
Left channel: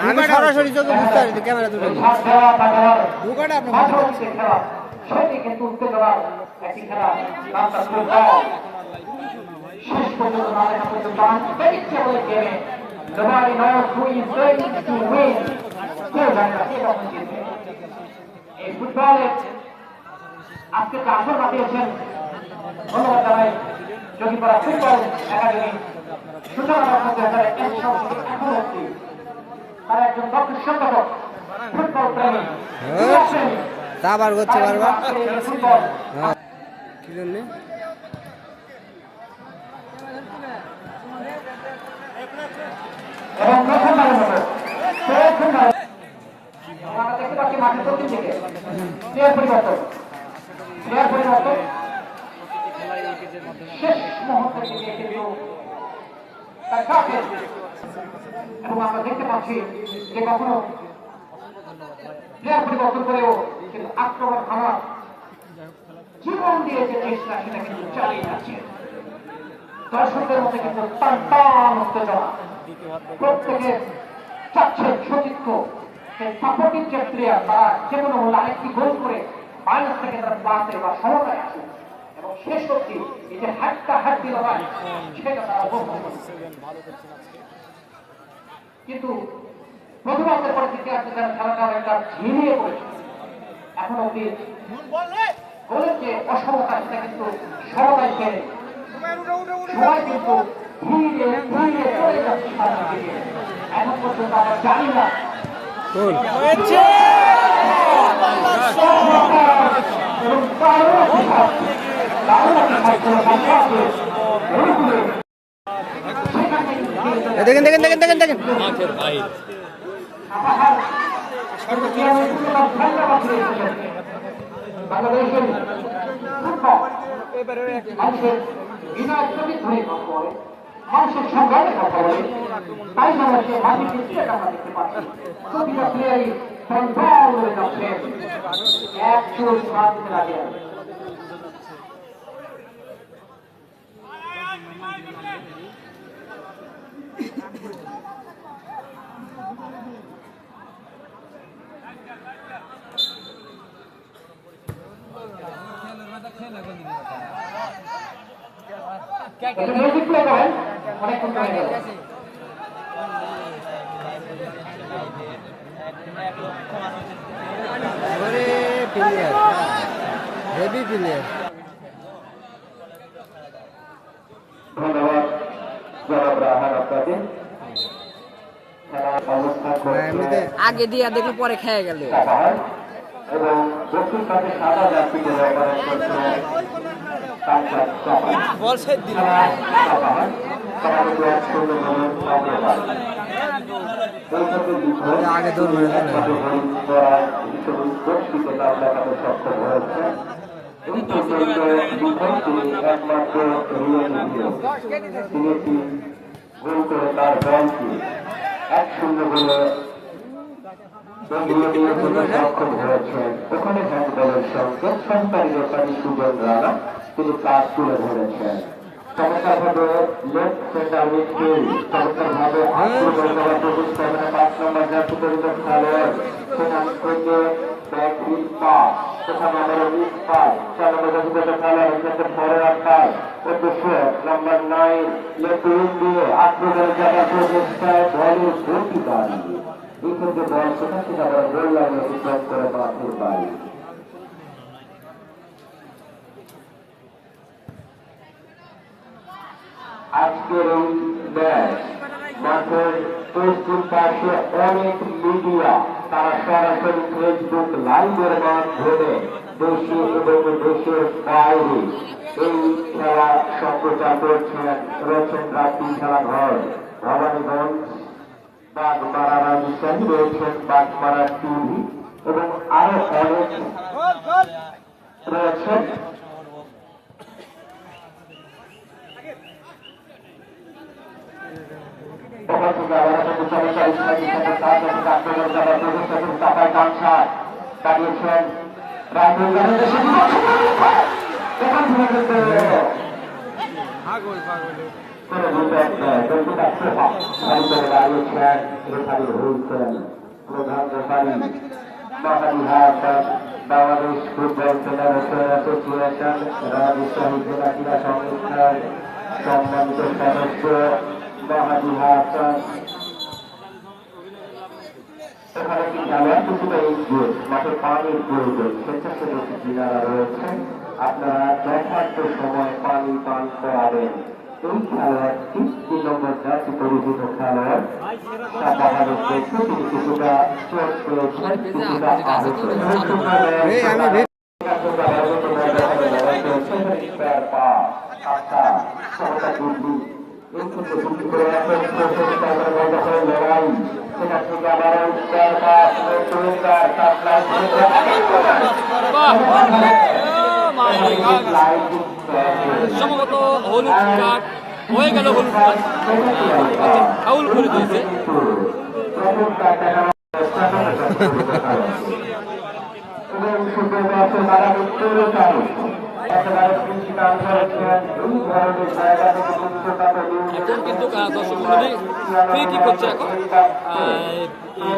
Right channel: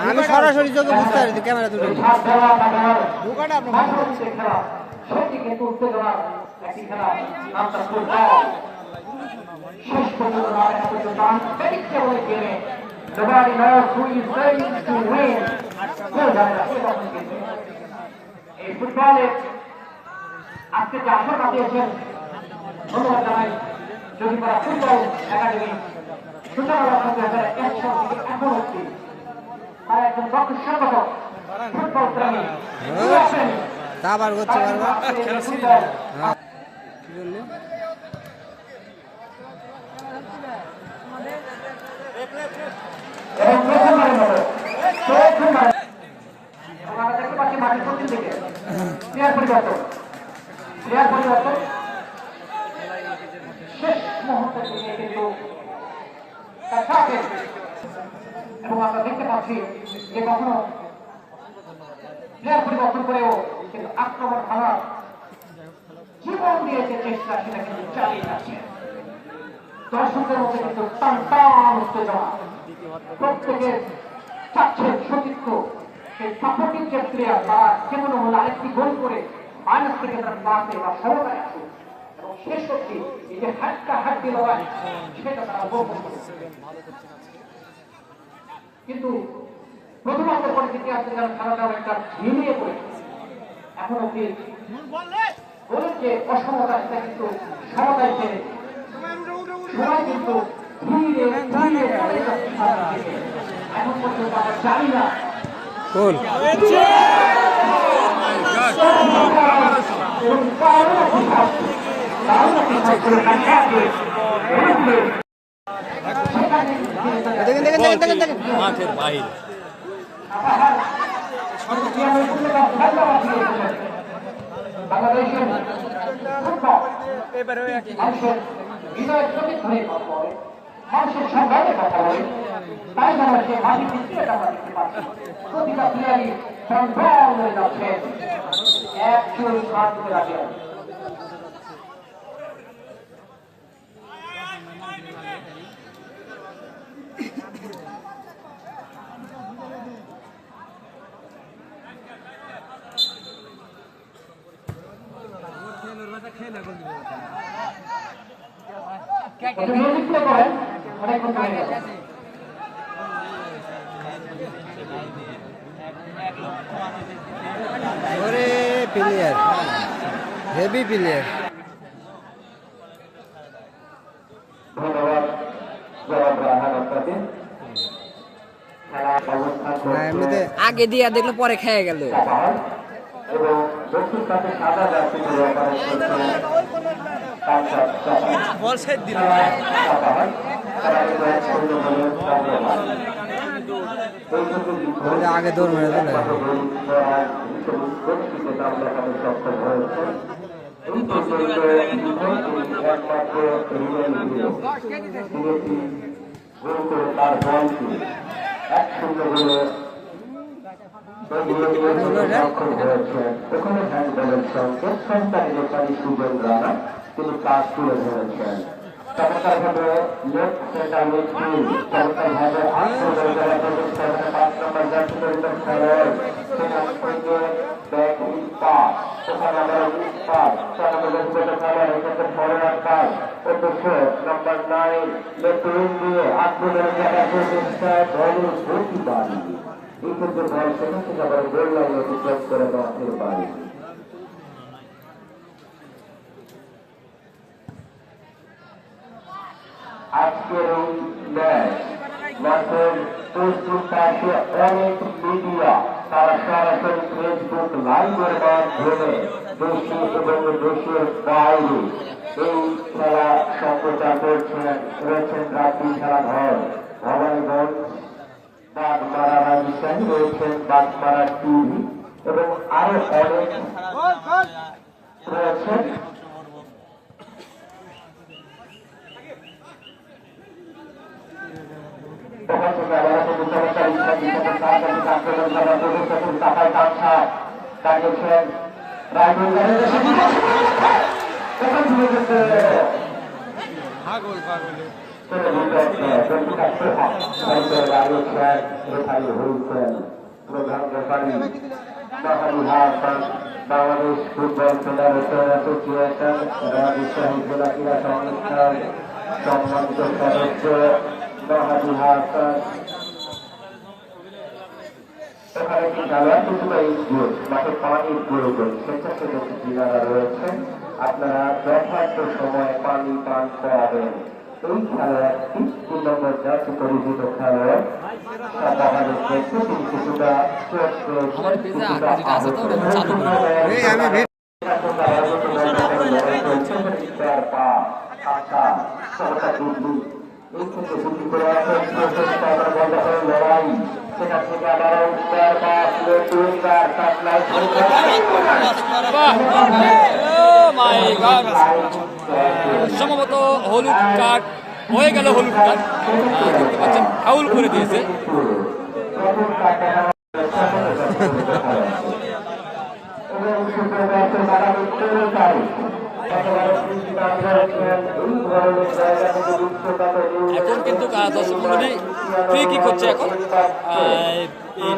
আমি সরাসরি চোখে বুঝতে পারি, ক্যামেরা তুলে নি ঢুকাটা আপনি ফুটবলে আজকে যে আশা দিয়েছেন ধন্যবাদ জানাই জগিপাড়া ফুটবল একাডেমি সূচনা লক্ষ্য 2001 সাল থেকে এখন অব্দি তারা একজন দক্ষ সংগঠক, ফুটবল প্রেমী আবার করতে পারবো ফুটবল কি বললো এবং প্রথমবারের মতো আমরা দেখতে পাচ্ছি মাঠের পশ্চিম দিকে প্লেয়ার পরিবর্তন শেষ মুহূর্তের দিকে কিন্তু তার সাথে এবং আমরা দেখতে পাচ্ছি যে কখনো প্লেয়ার পরিবর্তন করেও কিন্তু আক্রমণ হামলা জীবন দিয়েছে চেষ্টা সেটা কিন্তু চালিয়ে যাচ্ছে দর্শকদের মধ্যে কিন্তু টান উত্তেজনা প্রত্যেকের চাচ্ছে সতীর্থ সেই সাপোর্টিং যে প্লেয়ার তারা যেমন হল আরেকটি গোল করে মাইনাস থেকে তারা বাঁচে বা সমতায় আসে এবং শেষ করছি এই যে হাড্ডি লড়াই সেটা তারা উপভোগ করছে। কিন্তু প্রথমার্ধের পরে থেকে আসছে তারা খেলাটা একটা ঝিমিয়ে পড়েছে এখন অব্দি বলেন যে অসমতা সেটা কিন্তু সমতায় ফেলে সবাই কিন্তু ধীরে ধীরে চলে যাচ্ছে সামনের দিকে এখন পর্যন্ত আমরা জানি না মাঠের বাইরে বাংলাদেশের মানুষের হৃদয় চোখে ধরে কথা বলে মানুষের সংগ্রামে কথা বলে তাই বাংলাদেশের মাঝে কিন্তু আমরা দেখতে পাচ্ছি প্রতিটা প্লেয়ারই সংগ্রাম করে যাচ্ছেন একজন সাত দিতে রাখে মিউজিক প্লে করেন অনেকক্ষণ প্লেয়ার হেভি প্লেয়ার ধন্যবাদ জনাব রাহাত আপনাকে এমনিতে আগে দিয়া দেখলো পরে খেয়ে গেল এবং দক্ষিণ পাশে সাদা জাতি বল সেট দিল আগে দৌড় মেরে দিল তার ব্যাংকটি 1-0 গোলে ওখানে ব্যাংক ব্যালেন্স সঙ্গে সরকারি বেকারি সুযোগ রানা তিনি কাজ তুলে ধরেছেন চমৎকারভাবে লেফট সেন্টার মিডফিল্ড চমৎকারভাবে আক্রমণ করা প্রতিষ্ঠানে 5 নম্বর জাতীয় পরিবেশ খেলেন সেখান থেকে ব্যাক পাস সেখানে আমরা পাস 4 নম্বর জাতীয় খেলেন এখানে পরে আকার অবশ্যই নাম্বার 9 লেফট দিয়ে আক্রমণের জায়গা প্রতিষ্ঠা ধরে ভর্তি করা এই ক্ষেত্রে বয়স সেখান থেকে আমরা গোল লাইন অতিক্রম করে মাঠের বাইরে আজকের এই ম্যাচ মাঠের পশ্চিম পাশে অনেক মিডিয়া তারা সরাসরি ফেসবুক লাইভের মাধ্যমে দেশে এবং দেশের বাইরে এই খেলা সম্প্রচার করছেন রয়েছেন রাত্রি খেলাঘর ভবানীগঞ্জ বাগমারা রাজশাহী রয়েছেন বাগমারা টিভি এবং আরো অনেক রয়েছে প্রধান referee Bangladesh football federation association Rajshahi জেলা ক্রীড়া সংস্থার সম্মানিত সদস্য বাহাদি হাসান এখানে কি খেলোয়াড় কিছুটা মাঠে পানির প্রয়োজন স্বেচ্ছাসেবী যিনারা রয়েছেন আপনারা যথার্থ সময় পানি পান করাবেন এই খেলোয়াড়টি 3 নম্বর জাতীয় পরিচিত খেলোয়াড় সাদাহারের দেখতে তিনি কিছুটা চোট পেয়েছেন কিছুটা আহত হয়েছেন আচ্ছা সরকার দিল্লি এই ক্ষেত্রে ভিত্তি করে একটা তারপরে বল দখলের লড়াই সেখান থেকে আবার সম্ভবত হলুদ কার্ড হয়ে গেল, হলুদ কার্ড ফাউল করে দিয়েছে। এখন কিন্তু দর্শক মন্ডলী ফ্রি কিক হচ্ছে এখন। এই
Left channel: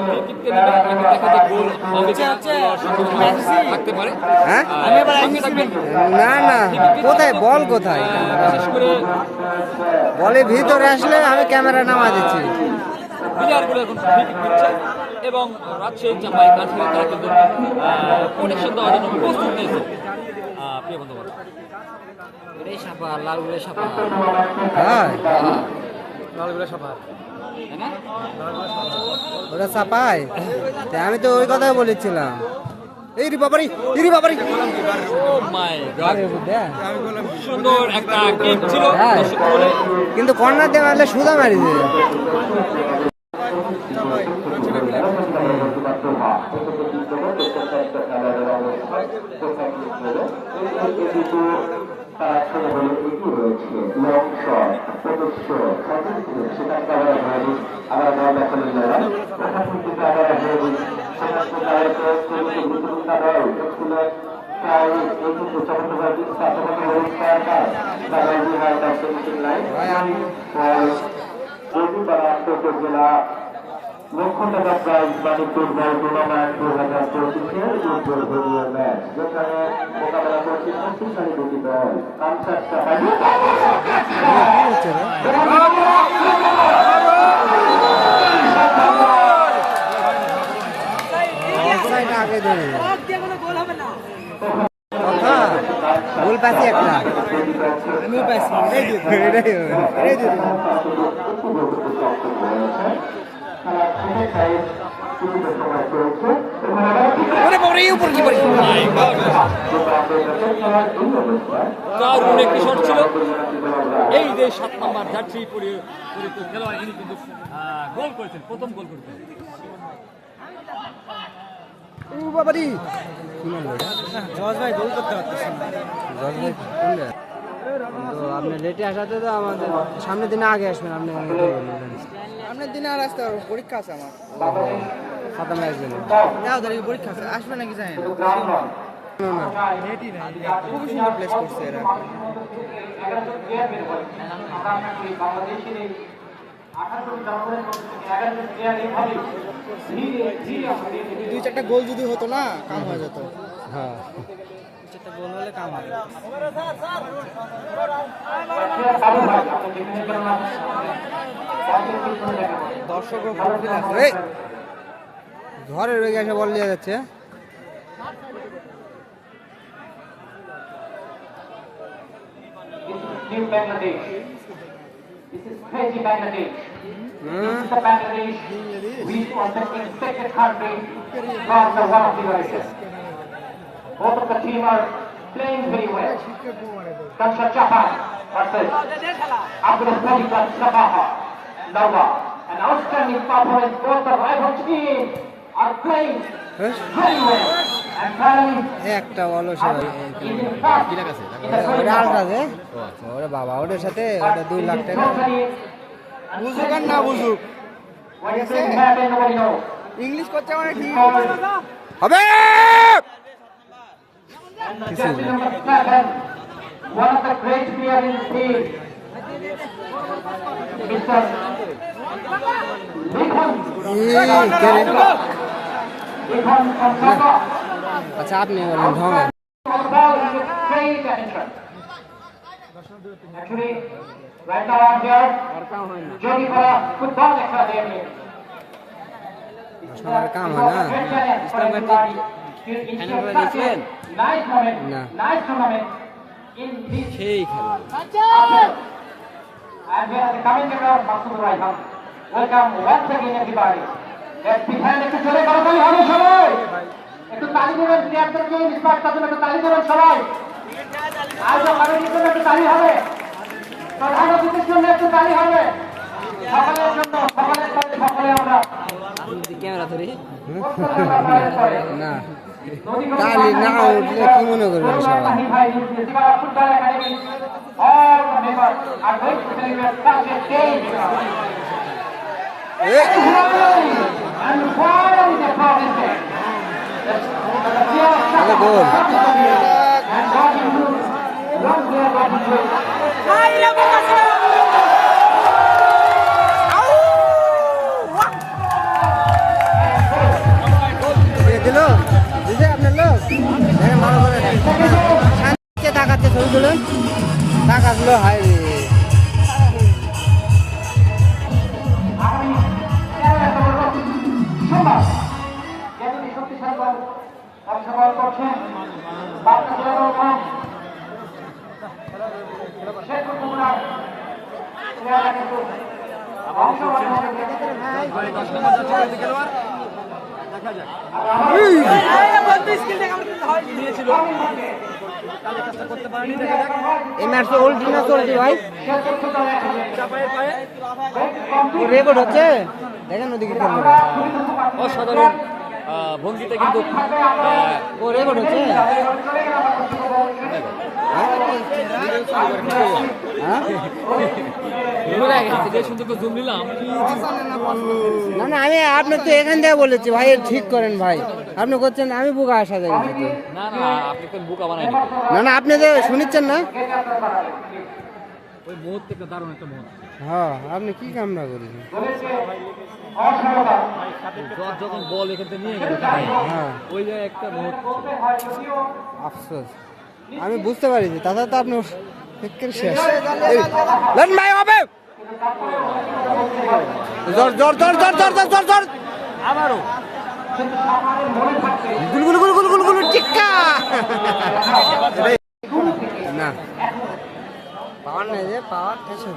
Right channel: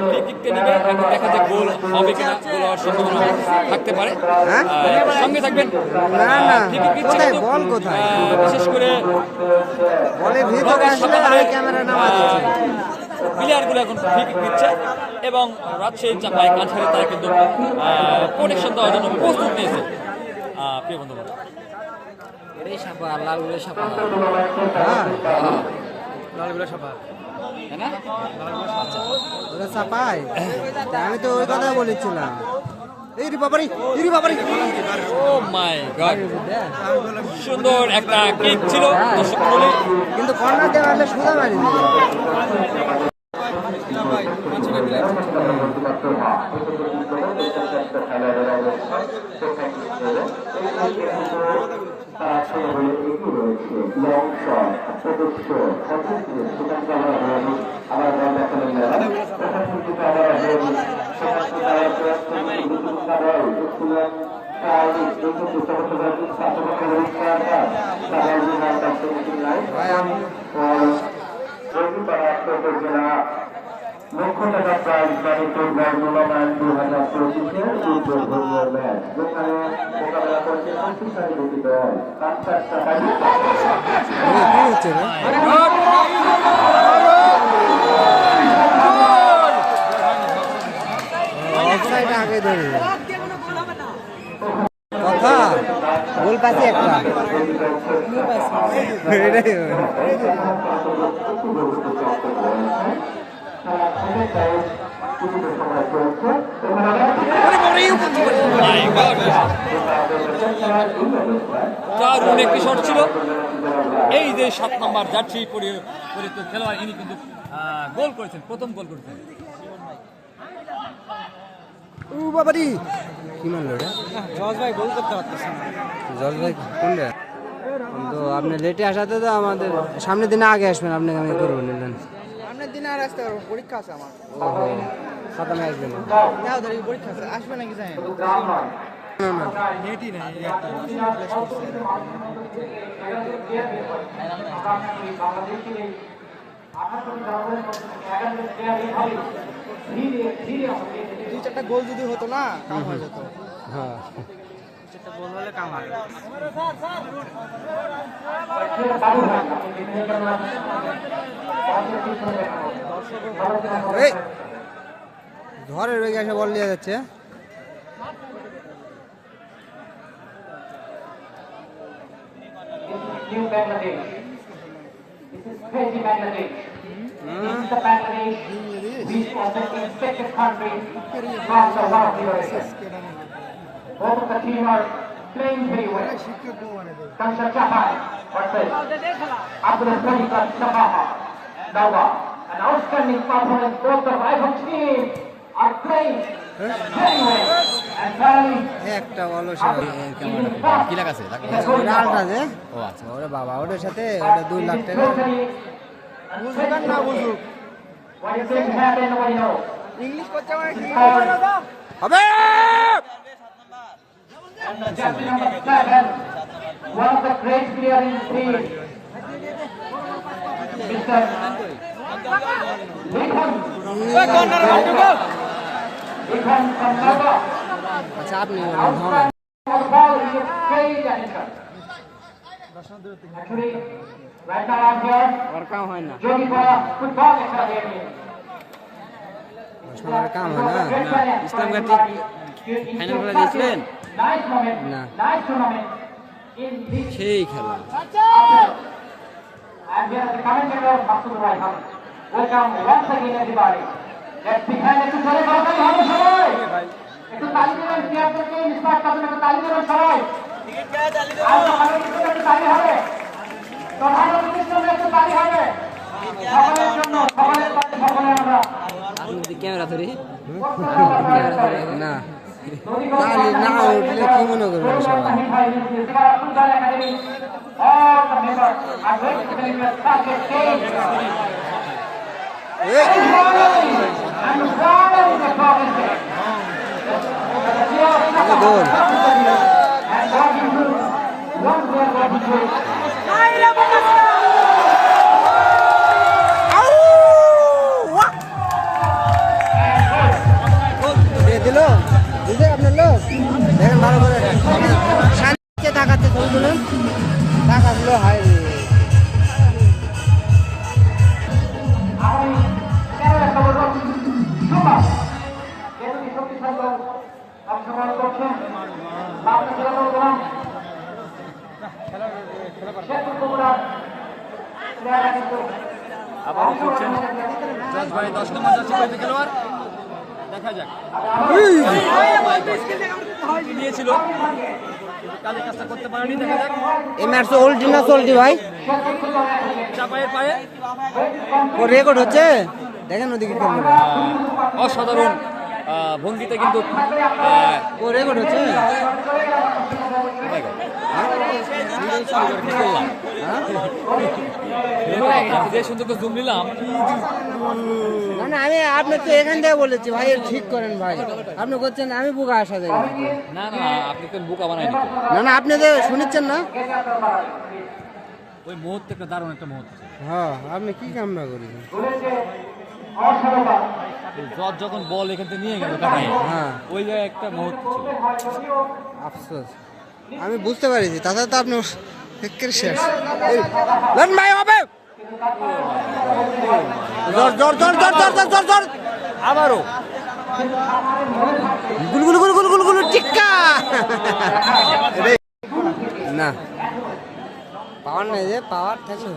ফ্রি কিককে নিয়ে এখন দেখা যায় গোল হবে কিনা, গোল হওয়ার সম্ভাবনা থাকতে পারে। সঙ্গে থাকবেন। কোথায় বল, কোথায় বিশেষ করে বলের ভিতরে আসলে আমি ক্যামেরা নামা দিচ্ছি। প্লেয়ারগুলো এখন ফ্রি কিক দিচ্ছে এবং রাজশাহীর চাপায় কাছাড়ে তারা কিন্তু প্রোটেকশন দেওয়ার জন্য প্রস্তুত নিয়েছে। প্রিয় বন্ধুরা, এটাই সাপা, লালগুলো সাপা, লালগুলো সাপা, তাই না? ওরা সাপাই। আমি তো ওই কথাই বলেছিলাম। এই রে বাবারি, এই রে বাবারি, ও মাই গড, সুন্দর একটা কিক ছিল দর্শক মণ্ডলী। কিন্তু কর্নার দিয়ে মারলে সুদা মারি দিবে। ভাই আমি লক্ষ টাকা প্রাইজ জানিপুর বর্ধমান 2025 ম্যাচ যেখানে কি হচ্ছে রে? অফসাইড আগে ধরে কথা গোল পাচ্ছি একটা, এটাই দারুণ একটি শট ছিল। এই যে 7 নম্বর জার্সি পরে তো খেলোয়াড়, ইনি কিন্তু গোল করেছেন, প্রথম গোল করেছেন। ও বাবারি কি মারলো এটা? জজ ভাই গোল করতে পারতেছেন না। জজ ভাই কোনটা? তো আপনি লেটে আসাতে তো আমাদের সামনের দিনে আগে আসবেন, আপনি করবেন। সামনের দিনে আর আসতে পারবো, পরীক্ষা আছে আমার। খাতামে আসবেন? যাও দাঁড়িয়ে পরীক্ষা আছে, আসবে নাকি জানেন? না না নেটই নাই, প্লেস করছে এরা। দুই চারটা গোল যদি হতো না কাম হয়ে যেত। হ্যাঁ, চারটা গোল হলে কাম হয়। ঝড়ের বেগে এসে বল নিয়ে যাচ্ছে। New Bangladesh. This is crazy Bangladesh. This is the Bangladesh we was the expected country across the world. Both of the team are playing very well. Kansha Chahar versus Abdul Malik Sabaha. Nawa. An outstanding performance. Both the rival teams are playing very well. And finally, একটা বলো ওটা আলটা যে ওরে বাবা, ওটার সাথে ওটা 2 লাখ টাকা। বুঝুক না বুঝুক, ইংলিশ করছে মানে ঠিক হবে। jersey number 7, one of the great players in the team, Mr. Likhan. Likhan from Nava. আচ্ছা আপনি Actually, right now I'm here. Jogi Kora Football Academy. কাম হয় না। ফাইনাল করে দিয়েছিলেন? না, সেই খেলা। And we are the commentator Masud Raihan. Welcome once again everybody. এখানে একটু জোরে কথা বলি হবে সবাই, একটু তালি দেবেন, চেয়ারটাকে ইন্সপায়ার করুন, একটু তালি দেবেন সবাই। আর তো কারণ একটু তালি হবে। ক্যামেরা ধরি না কালি না উঠলে কি মনে করবেন সবাই গোল দিল দিদি আপনার লোক দেখেন ভালো করে শান্তিতে টাকাতে ছবি তুলেন টাকা দিল হাই এই ম্যাচ ওল্ডি না চলটি ভাই ও রেকর্ড হচ্ছে দেখেন ওদিকে ক্যামেরা অসাধারণ ভঙ্গিতে কিন্তু ও রেকর্ড হচ্ছে যে সুন্দর জুম নিলাম না না আমি আপনার তো এখান থেকে বলেছি ভাই ঠিক করেন ভাই আপনি করছেন আমি বোকা আসা যাবে না না আপনি কোন বোকা বানাই না না আপনি তো শুনিচ্ছেন না ওই মুহূর্তে একটা দারুণ একটা মুহূর্ত হ্যাঁ আপনি কি কামনা করেছেন জ্বর যখন বল এখান থেকে নিয়ে গেল হ্যাঁ ওই যে একটা মুহূর্ত আফসোস আমি বুঝতে পারিছি তাছাড়া তো আপনি একের শেষ লেন ভাই হবে জোর জোর জোর জোর জোর জোর জোর জোর আবারও গুল গুল গুল গুল গুল গুল টিক্কা না পাওয়ার নাই যে পাওয়ার থাকে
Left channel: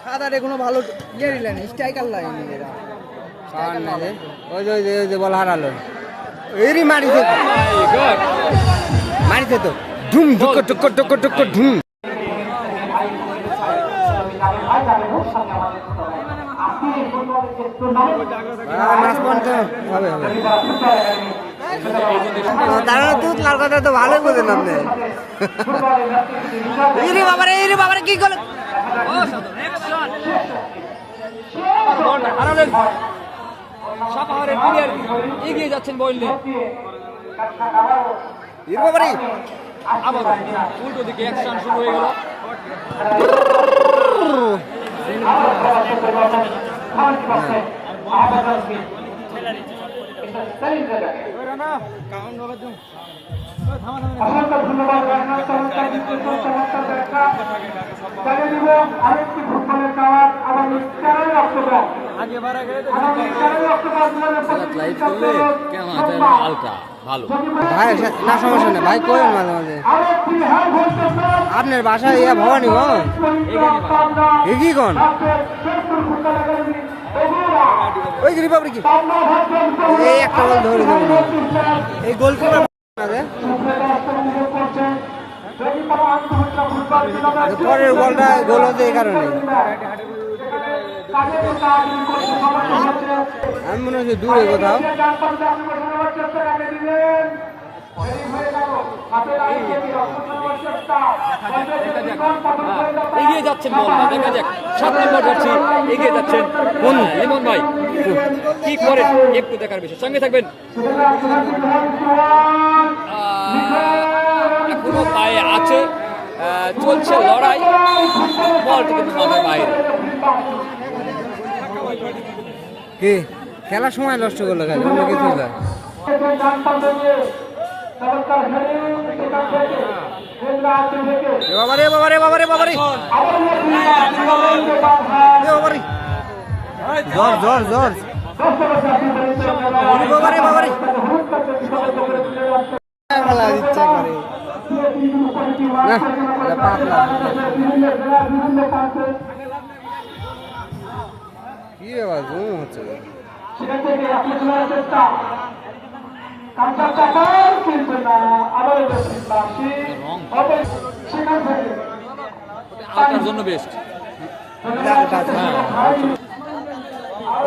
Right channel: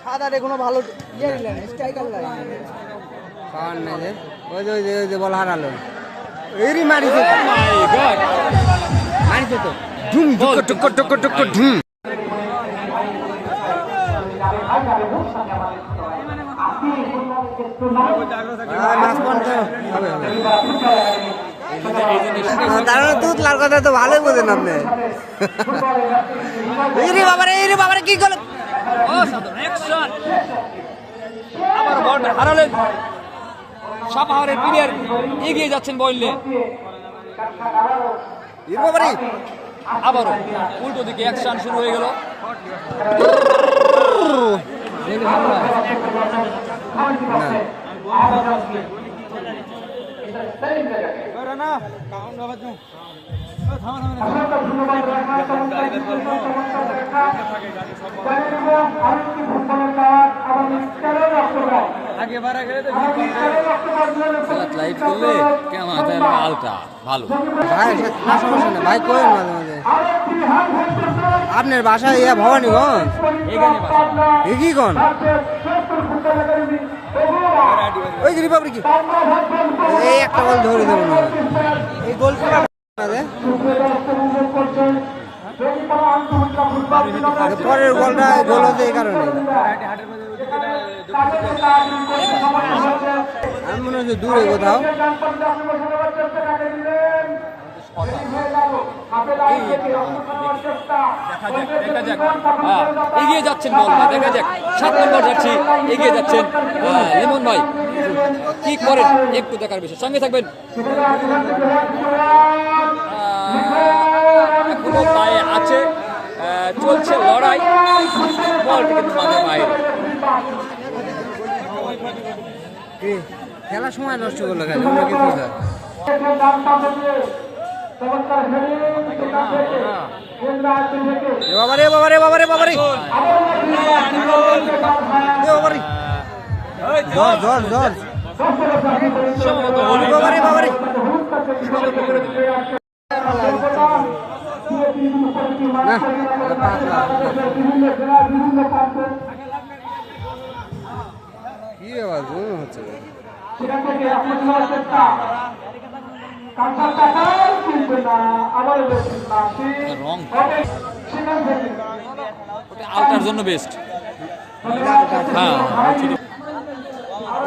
সাদারে কোনো ভালো ইয়ে দিলেন স্ট্রাইকার লাগে পাওয়ার নাই যে ওই যে বল হারালো এরই মারিছে মারিছে তো ধুম ধুক টুক টুক টুক ধুম মাছ পান তো হবে হবে তার দুধ লাল কথা তো ভালোই বোঝেন আপনি এই রে বাবারে কি করলেন সাপাহারের প্লেয়ার এগিয়ে যাচ্ছেন বললে বাবারে আবারও উল্টো দিকে অ্যাকশন শুরু হয়ে গেল হালকা ভালো ভাই না সমস্যা নেই ভাই করেন মাঝে মাঝে আপনার বাসায় ইয়া ভবানীগঞ্জ কি কোন ওই যে রিপাবলিক এই একটা বল ধরে দেবো না এই গোলকিপার পরের বলটা গোল হতে এই কারণে আমি মনে হচ্ছে দূরে কোথাও এগিয়ে যাচ্ছেন বল দেখা যাক 7 নম্বর যাচ্ছি এগিয়ে যাচ্ছেন লিমন ভাই কি করেন একটু দেখার বিষয় সঙ্গে থাকবেন এখনো পায়ে আছে চলছে লড়াই বলটা কিন্তু মাঝে বাইরে কি খেলার সময় নষ্ট করলো খালি অন্য কিছু না বাবারে বাবারে বাবারে বাবারে বাবারে জোর জোর জোর বাবারে বাবারে না পাতলা কি আবার ঘুম হচ্ছে আলটার জন্য বেস্ট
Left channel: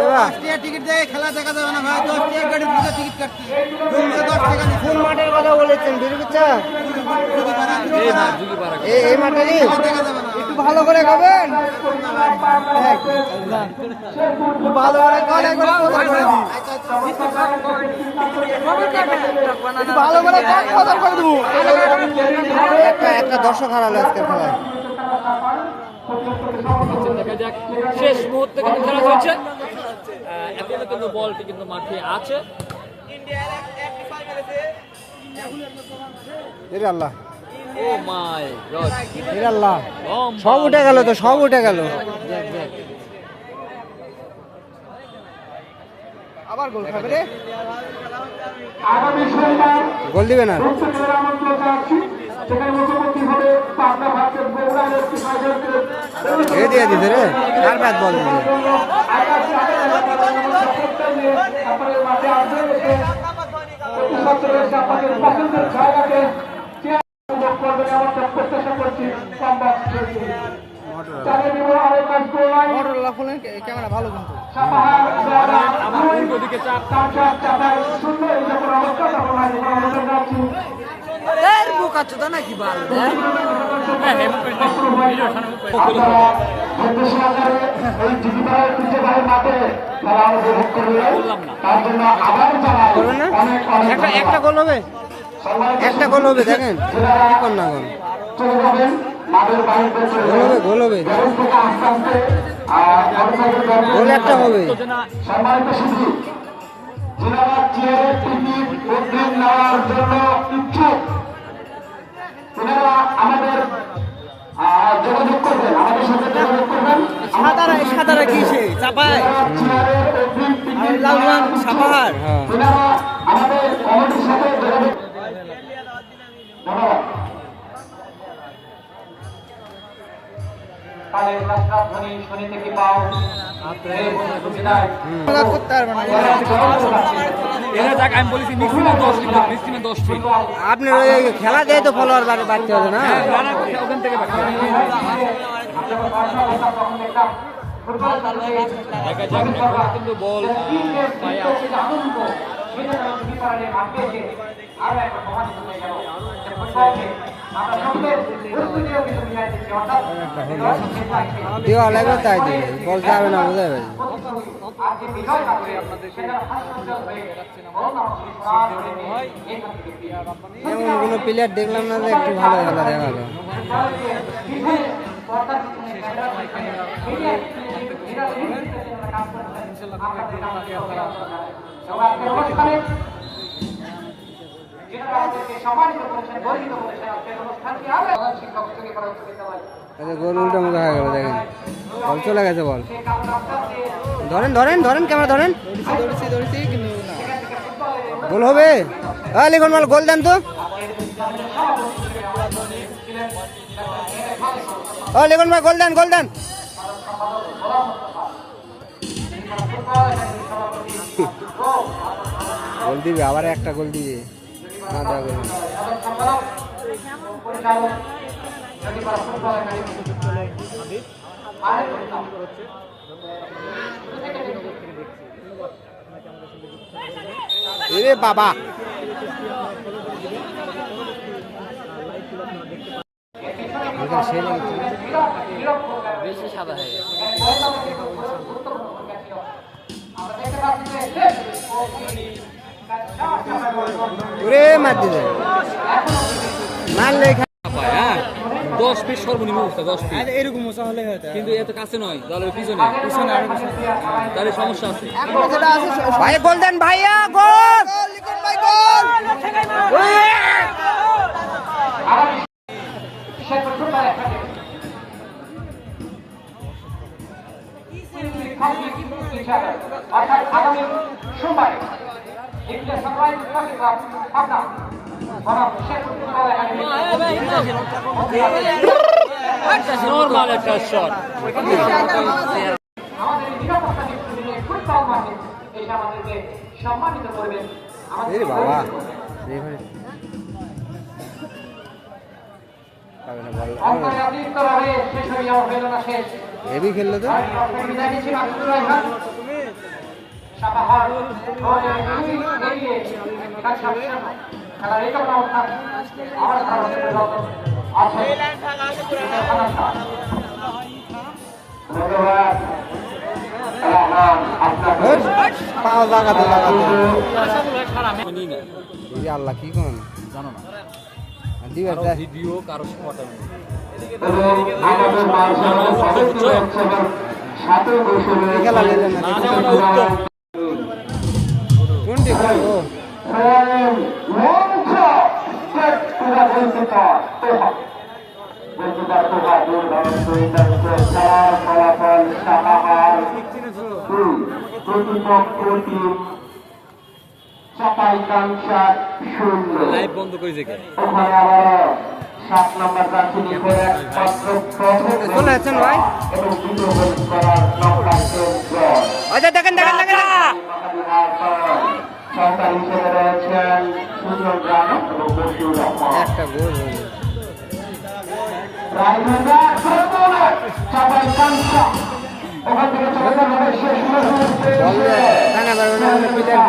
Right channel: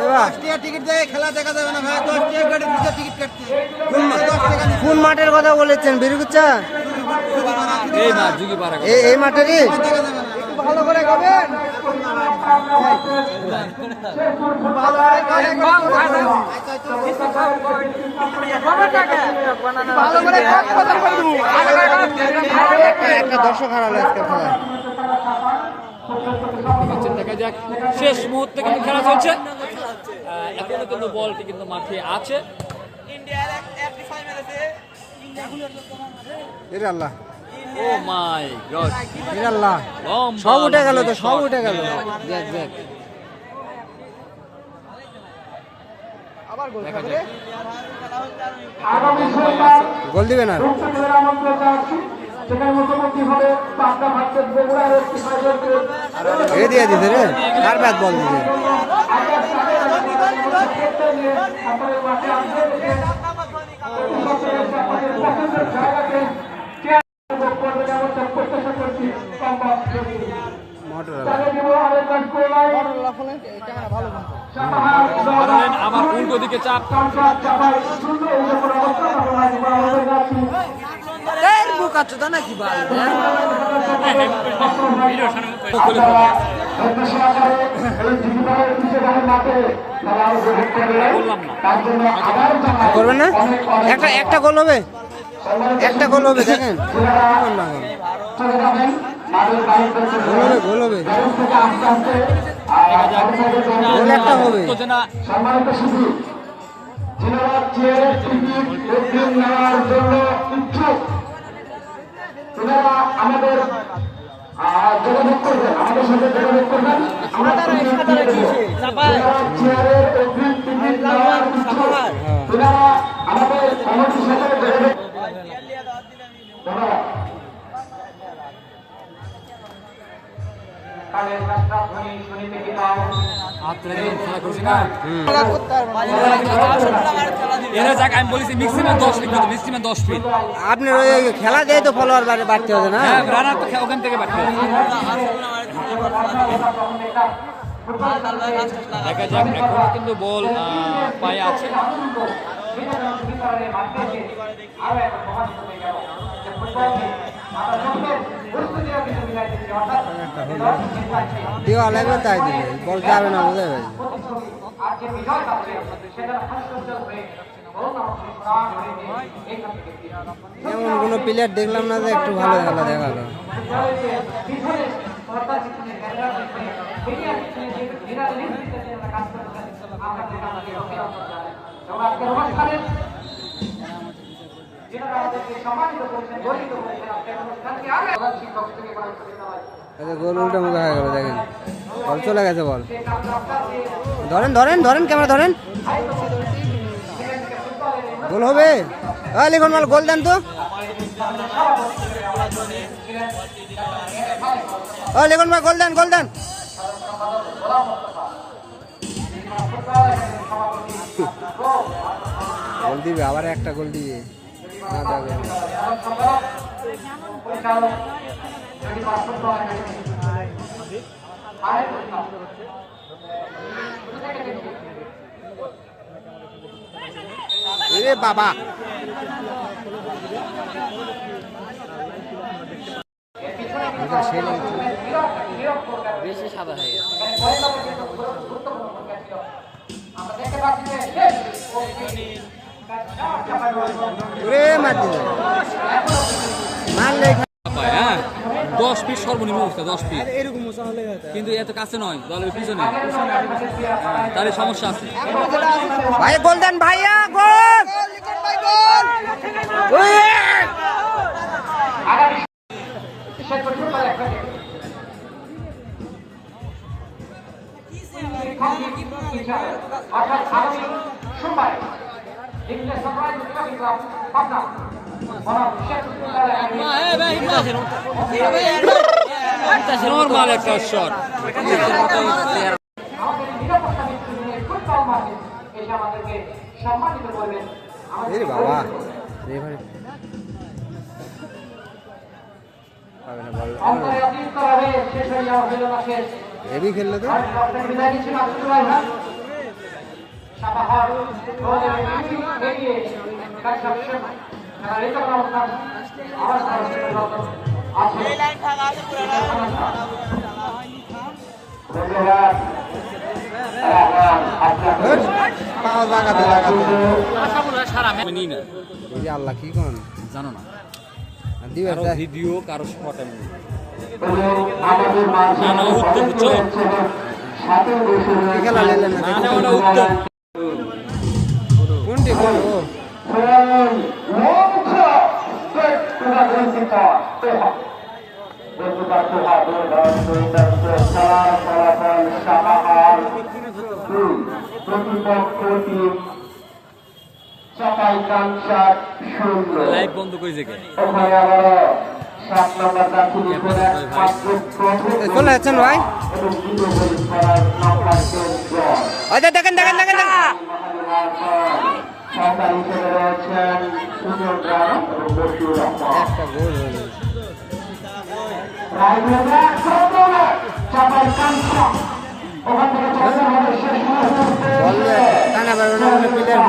এবার টিকিট দেখে খেলা দেখা যাবে না ভাই, 10 টাকা গাড়ির ভিতরে টিকিট কাটতে 10 টাকা নিচ্ছে। কোন মাঠের কথা বলেছেন বিরুগুচ্ছা? শুধু ভাড়া এই মাঠেরই দেখা যাবে না। একটু ভালো করে খাবেন, ভালো করে খাবেন, ভালো করে একটা দর্শক হারালো আজকের খেলায়। দেখা যাক, শেষ মুহূর্তে কিন্তু খেলা চলছে। এখনো কিন্তু বলটি কিন্তু মাঠে আছে। এরে আল্লাহ, ও মাই গড, এরে আল্লাহ, সব উঠে গেল তো, সব উঠে গেল। দেখ দেখ, গোল দিবে না। এ দিয়ে দিছে রে, কার ব্যাট বল দিছে? ক্যামেরা ভালো কিন্তু আমার উল্টো দিকে চাপ। বুক আছে তো নাকি বাল? বললাম না, করবেন না? একটা গোল হবে, একটা গোল হবে, দেখেন কি কর না কর। গোল হবে, গোল হবে, গোল একটা হবে। সাঁতারা কিসে চাপায় সাঁতার করতে পারবে না। আমি বলেছি ম্যাক্সিমাম 10 লিখতে, ম্যাক্সিমাম 10 ফিট। আপনার ওই খেলা দিয়ে তো ফলোয়ার বাড়তে হবে না? রানা তো ওখান থেকে বাড়বে। দেখা যাক, এখন কিন্তু বল পায়ে আছে। একটা হলো দেওয়া লাগবে, তাই দিবে, বল যাবে না, বোঝা যাবে। এমন কোনো প্লেয়ার দেখলাম না যে একটু ভালো খেলা দেখালো। গোল উল্টা মুখে হয়ে গেল, দেখেন বল চলে গেছে। বল ধরেন, ধরেন, ধরেন, ক্যামেরা ধরেন, গোল হবে। লিখন বল, গোল দেন তো। লিখন ভাই গোল দেন, গোল দেন। গোল দিবে, আবার একটা গোল দিবে না, দেবে রে বাবা। বেশি সাদা হয়ে গেছে। ওরে মার দিবে, মারলে 10 ফিট সর্বনিম্ন অবস্থা, 10 ফিট এরকম হলে, কিন্তু এত কাছে নয়, দলের পিছনে, তাহলে সমস্যা আছে। ভাই গোল দেন ভাইয়া, গোল। নরমাল একটা শট। বাবা বল হেভি খেললো তো। সাপাহার এগিয়ে কাজটা তারা রেখে অবস্থান আমার আছে ধন্যবাদ পাও লাগাতে লাগাতে নিই না এই যে আল্লাহ কি কোন জানো না আর দিবার কারো দেয় ভিডিও কারো ফটো আমাদের মাঝে সাথে বসে খেলা লেলেন না দেখুন কোনটি কোন ও চাপাই কাঞ্চা শূন্য লাইভ বন্ধ করে যে ওখানে আবারও 7 নম্বর প্রার্থী চলে যাচ্ছেন ভাই আচ্ছা দেখেন দেখেন দেখেন একটা গোল হলো বললে টানা পারবে না বলে প্লেয়ার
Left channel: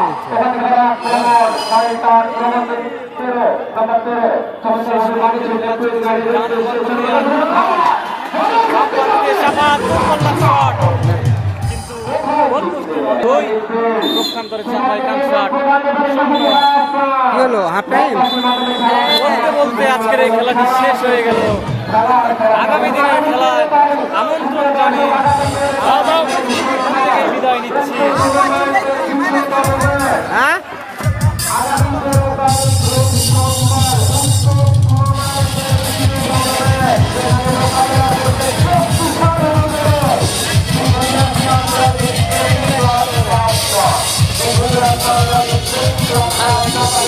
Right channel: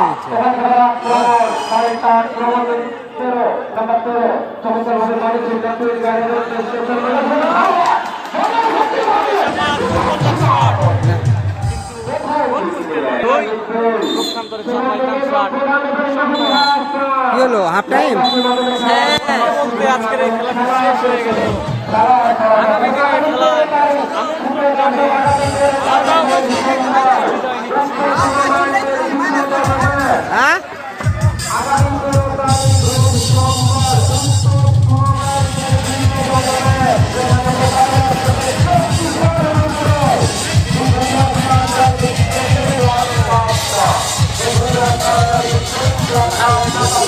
করেছে কি হলো হাফ টাইম বলতে আজকের এই খেলাটি শেষ হয়ে গেল আগামী দিনে বিদায় নিচ্ছি হ্যাঁ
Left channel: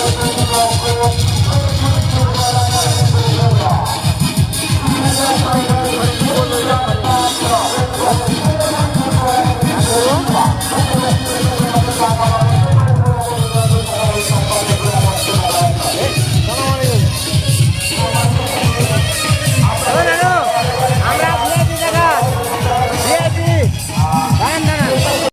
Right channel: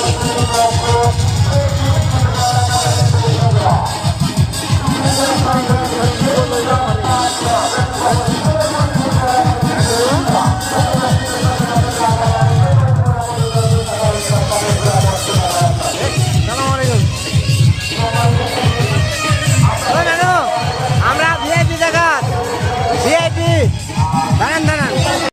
Thank you.